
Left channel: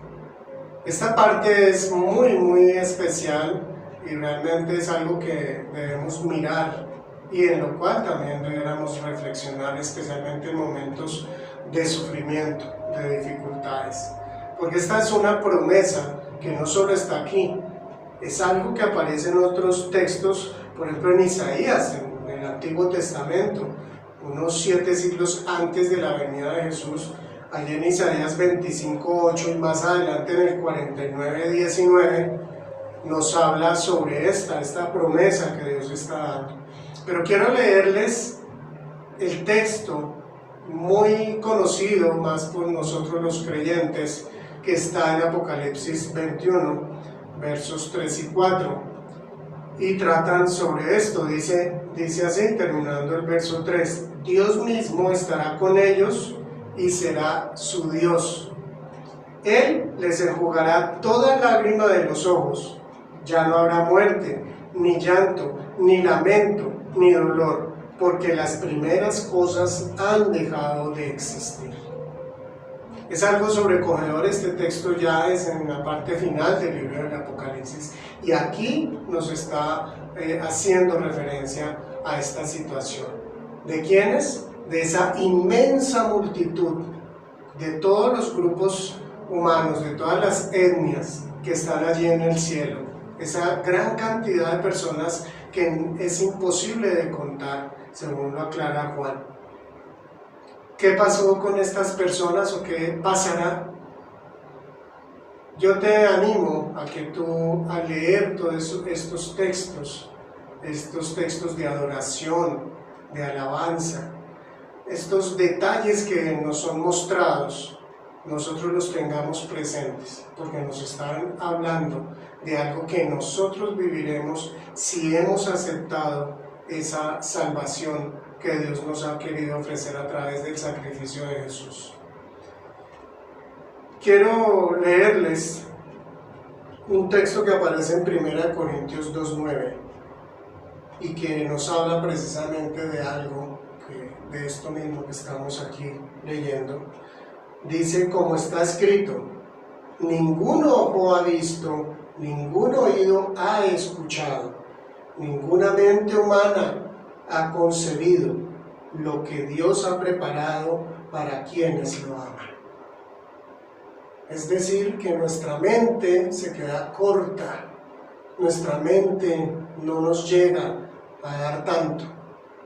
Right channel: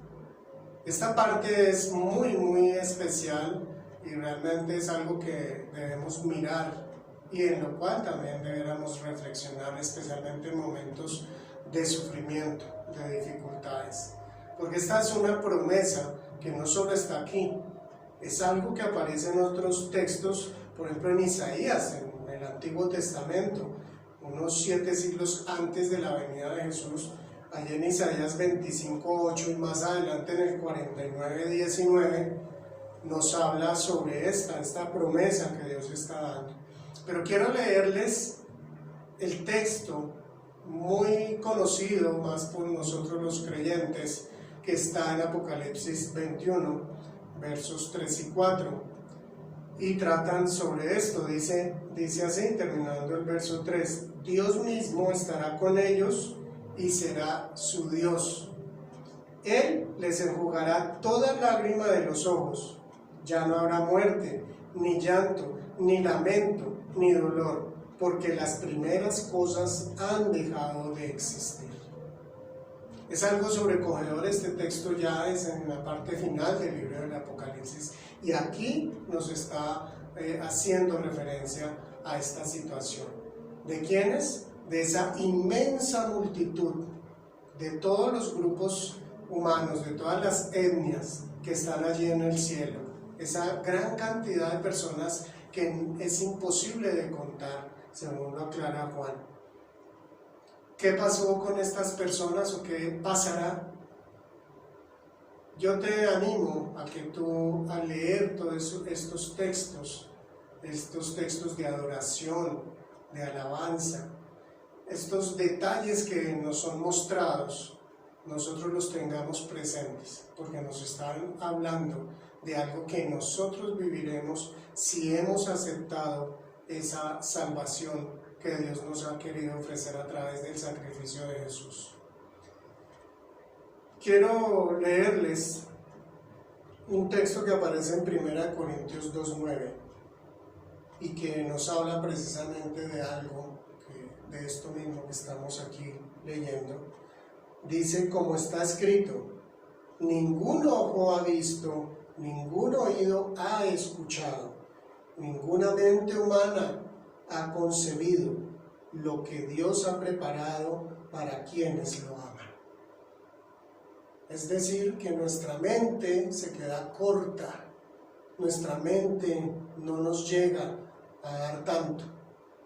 Esta parte es muy especial y realmente es algo que debemos mirar y en lo cual también deberíamos reflexionar, especialmente en momentos de sufrimiento, de dificultades. Porque esta es una promesa que no solo está aquí, es algo que aparece en otros textos, por ejemplo en Isaías, en el Antiguo Testamento, unos 7 siglos antes de la venida de Jesús, allí en Isaías 25:8 y más adelante en el 49:19, nos habla sobre esta promesa que Dios está dando. Pero quiero leerles el texto muy conocido, más por nosotros los creyentes, que está en Apocalipsis 21, versos 3 y 4, y tratan sobre esto. Dice así, terminando el verso 3, Dios mismo estará con ellos y será su Dios. Él les enjugará toda lágrima de los ojos. Ya no habrá muerte, ni llanto, ni lamento, ni dolor, porque las primeras cosas han dejado de existir. Es algo sobrecogedor. Este texto ya es en la parte final del libro del Apocalipsis y aquí nos está haciendo referencia a esta situación. ¿De quiénes? De esa inmensa multitud, de todos los grupos humanos, de todas las etnias que están allí en el cielo, esa gran cantidad de personas que es imposible de contar, según lo aclara Juan. ¿Qué pasó con estas personas o qué pasará? Yo te animo a que tú, al leer todos estos textos de adoración, de alabanza, estos detalles que nos son mostrados, nosotros los tengamos presentes, porque nos están hablando de algo que nosotros viviremos si hemos aceptado esa salvación que Dios nos ha querido ofrecer a través del sacrificio de Jesús. Quiero leerles un texto que aparece en 1 Corintios 2:9 y que nos habla precisamente de algo, de esto mismo que estamos aquí leyendo. Dice, como está escrito, ningún ojo ha visto, ningún oído ha escuchado, ninguna mente humana ha concebido lo que Dios ha preparado para quienes lo aman. Es decir, que nuestra mente se queda corta, nuestra mente no nos llega a dar tanto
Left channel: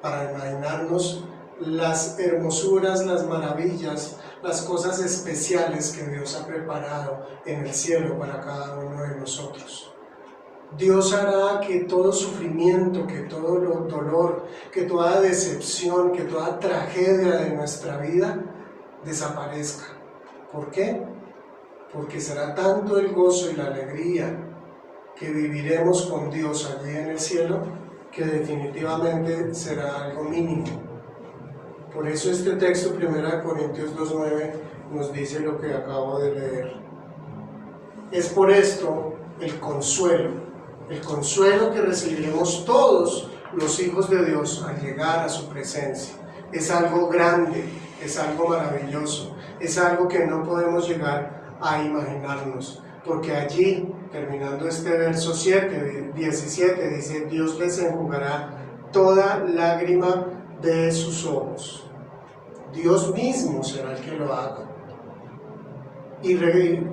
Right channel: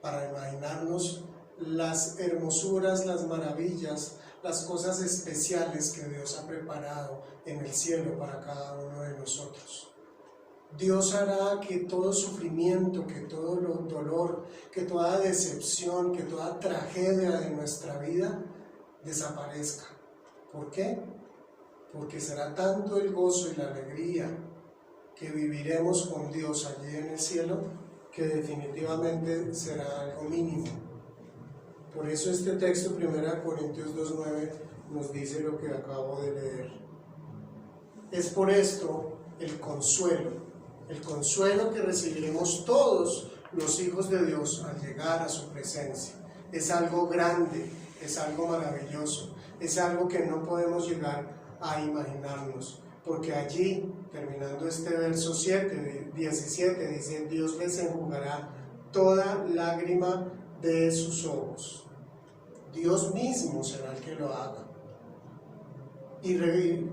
para imaginarnos las hermosuras, las maravillas, las cosas especiales que Dios ha preparado en el cielo para cada uno de nosotros. Dios hará que todo sufrimiento, que todo dolor, que toda decepción, que toda tragedia de nuestra vida desaparezca. ¿Por qué? Porque será tanto el gozo y la alegría que viviremos con Dios allí en el cielo, que definitivamente será algo mínimo. Por eso este texto, 1 Corintios 2:9, nos dice lo que acabo de leer. Es por esto el consuelo que recibiremos todos los hijos de Dios al llegar a su presencia. Es algo grande, es algo maravilloso, es algo que no podemos llegar a imaginarnos, porque allí, terminando este verso 17, dice, Dios les enjugará toda lágrima de sus ojos. Dios mismo será el que lo haga. Y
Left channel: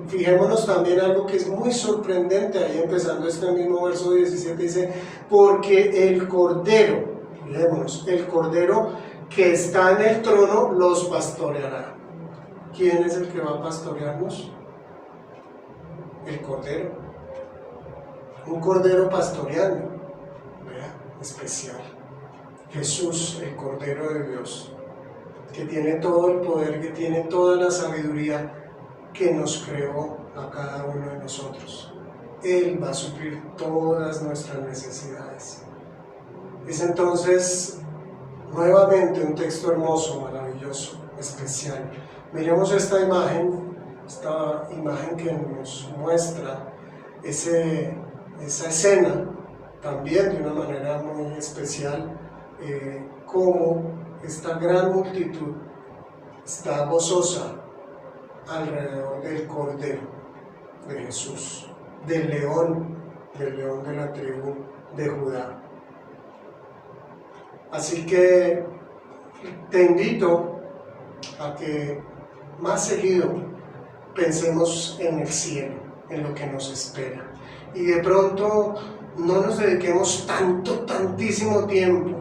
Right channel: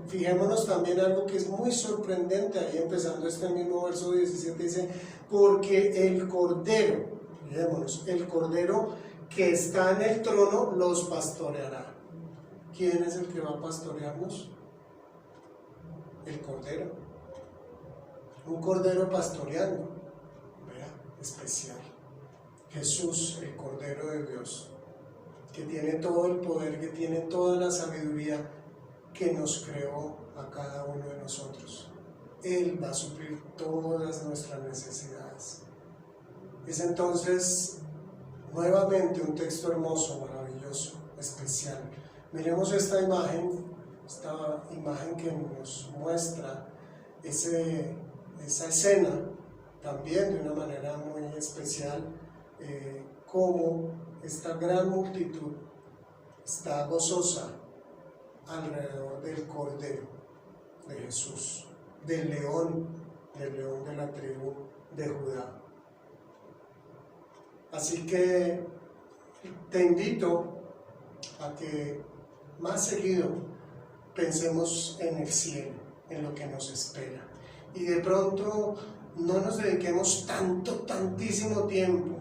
fijémonos también algo que es muy sorprendente, ahí empezando este mismo verso 17, dice, porque el Cordero, fijémonos, el Cordero que está en el trono los pastoreará. ¿Quién es el que va a pastorearnos? El Cordero. Un Cordero pastoreando, ¿verdad? Especial. Jesús, el Cordero de Dios, que tiene todo el poder, que tiene toda la sabiduría, que nos creó a cada uno de nosotros. Él va a suplir todas nuestras necesidades. Es entonces nuevamente un texto hermoso, maravilloso, especial. Miremos esta imagen que nos muestra esa escena también de una manera muy especial, cómo esta gran multitud está gozosa alrededor del Cordero de Jesús, del león de la tribu de Judá. Así que te invito a que más seguido pensemos en el cielo, en lo que nos espera, y de pronto no nos dediquemos tantísimo tiempo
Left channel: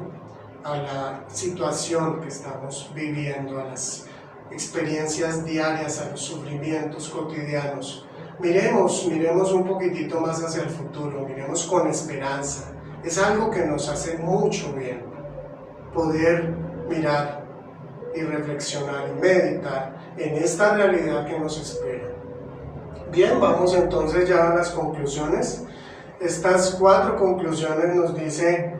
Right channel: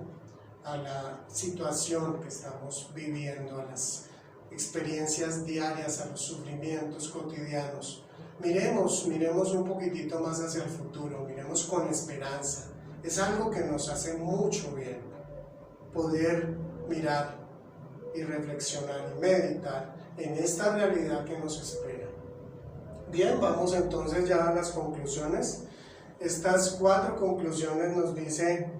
a la situación que estamos viviendo, a las experiencias diarias, a los sufrimientos cotidianos. Miremos un poquitito más hacia el futuro, miremos con esperanza. Es algo que nos hace mucho bien, poder mirar y reflexionar y meditar en esta realidad que nos espera. Bien, vamos entonces ya a las conclusiones. Estas 4 conclusiones nos dice:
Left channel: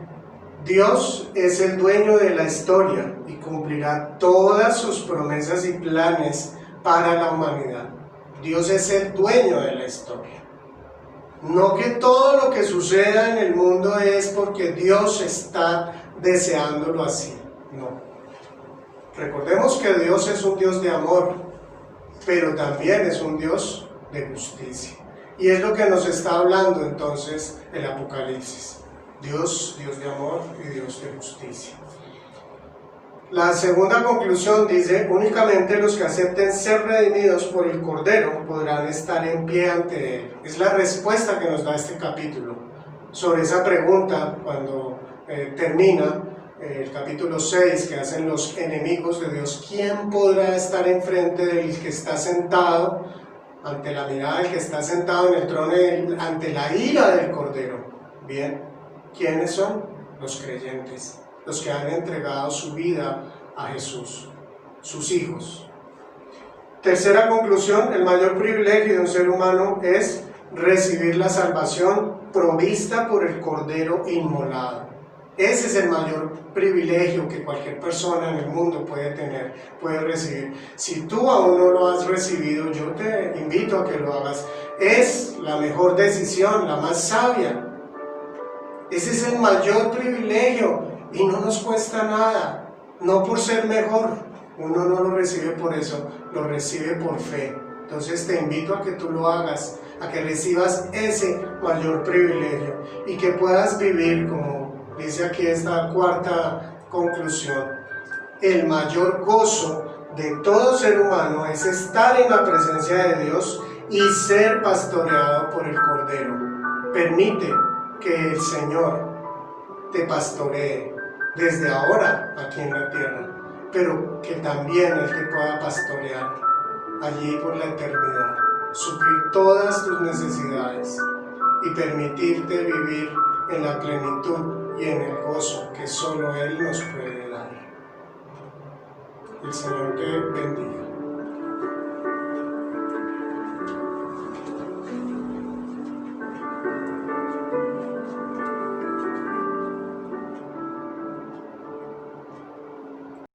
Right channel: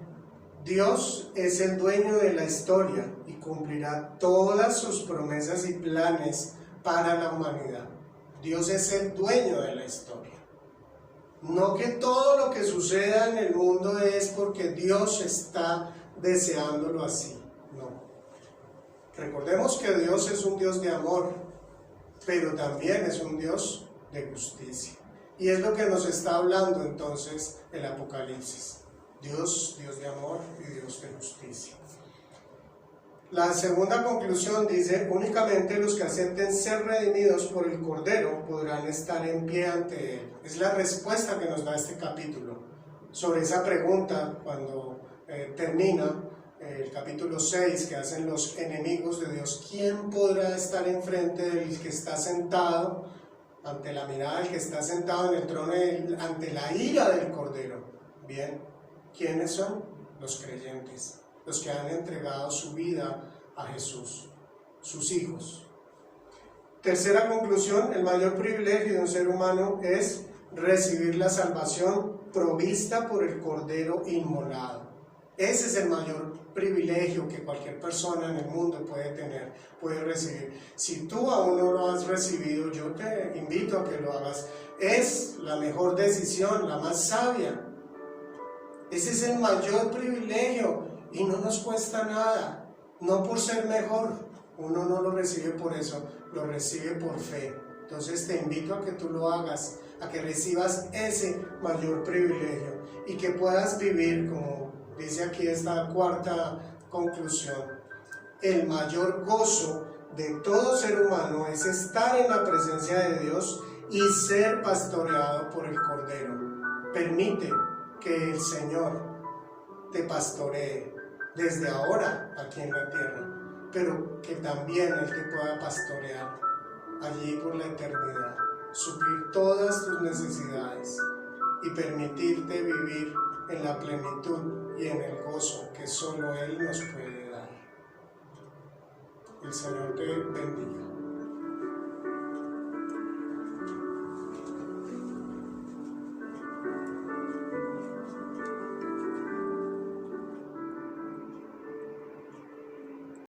Dios es el dueño de la historia y cumplirá todas sus promesas y planes para la humanidad. Dios es el dueño de la historia. No que todo lo que suceda en el mundo es porque Dios está deseándolo así. No. Recordemos que Dios es un Dios de amor, pero también es un Dios de justicia. Y es lo que nos está hablando entonces el Apocalipsis. Dios de amor y Dios de justicia. La segunda conclusión dice: únicamente los que acepten ser redimidos por el Cordero podrán estar en pie ante Él. Es la respuesta que nos da este capítulo sobre esa pregunta cuando termina el capítulo 6, que hacen los enemigos de Dios: ¿quién podrá estar enfrente del que está sentado, ante la mirada del que está sentado en el trono, ante la ira del Cordero? Bien, ¿quiénes son? Los creyentes, los que han entregado su vida a Jesús, sus hijos. Tercera conclusión: el mayor privilegio de un ser humano es recibir la salvación provista por el Cordero inmolado. Ese es el mayor privilegio que cualquier persona en el mundo puede tener, puede recibir. Si tú aún no lo has recibido, yo te invito a que lo hagas. Es la mejor decisión, la más sabia. Ese es el mayor privilegio y no nos cuesta nada, no por ser mejor. Uno no lo recibe por eso, lo recibe por fe. Entonces te invito a que tú lo hagas, a que recibas ese mayor privilegio y que puedas vivir, como dice aquí esta 4ª conclusión: el mayor gozo de todo ser humano es estar en la presencia de Dios y ser pastoreado por el Cordero. Permite que el Señor te pastoree desde ahora aquí en la tierra, pero que también Él te pueda pastorear allí por la eternidad, suplir todas tus necesidades y permitirte vivir en la plenitud y en el gozo que solo Él nos puede dar. El Señor te bendiga.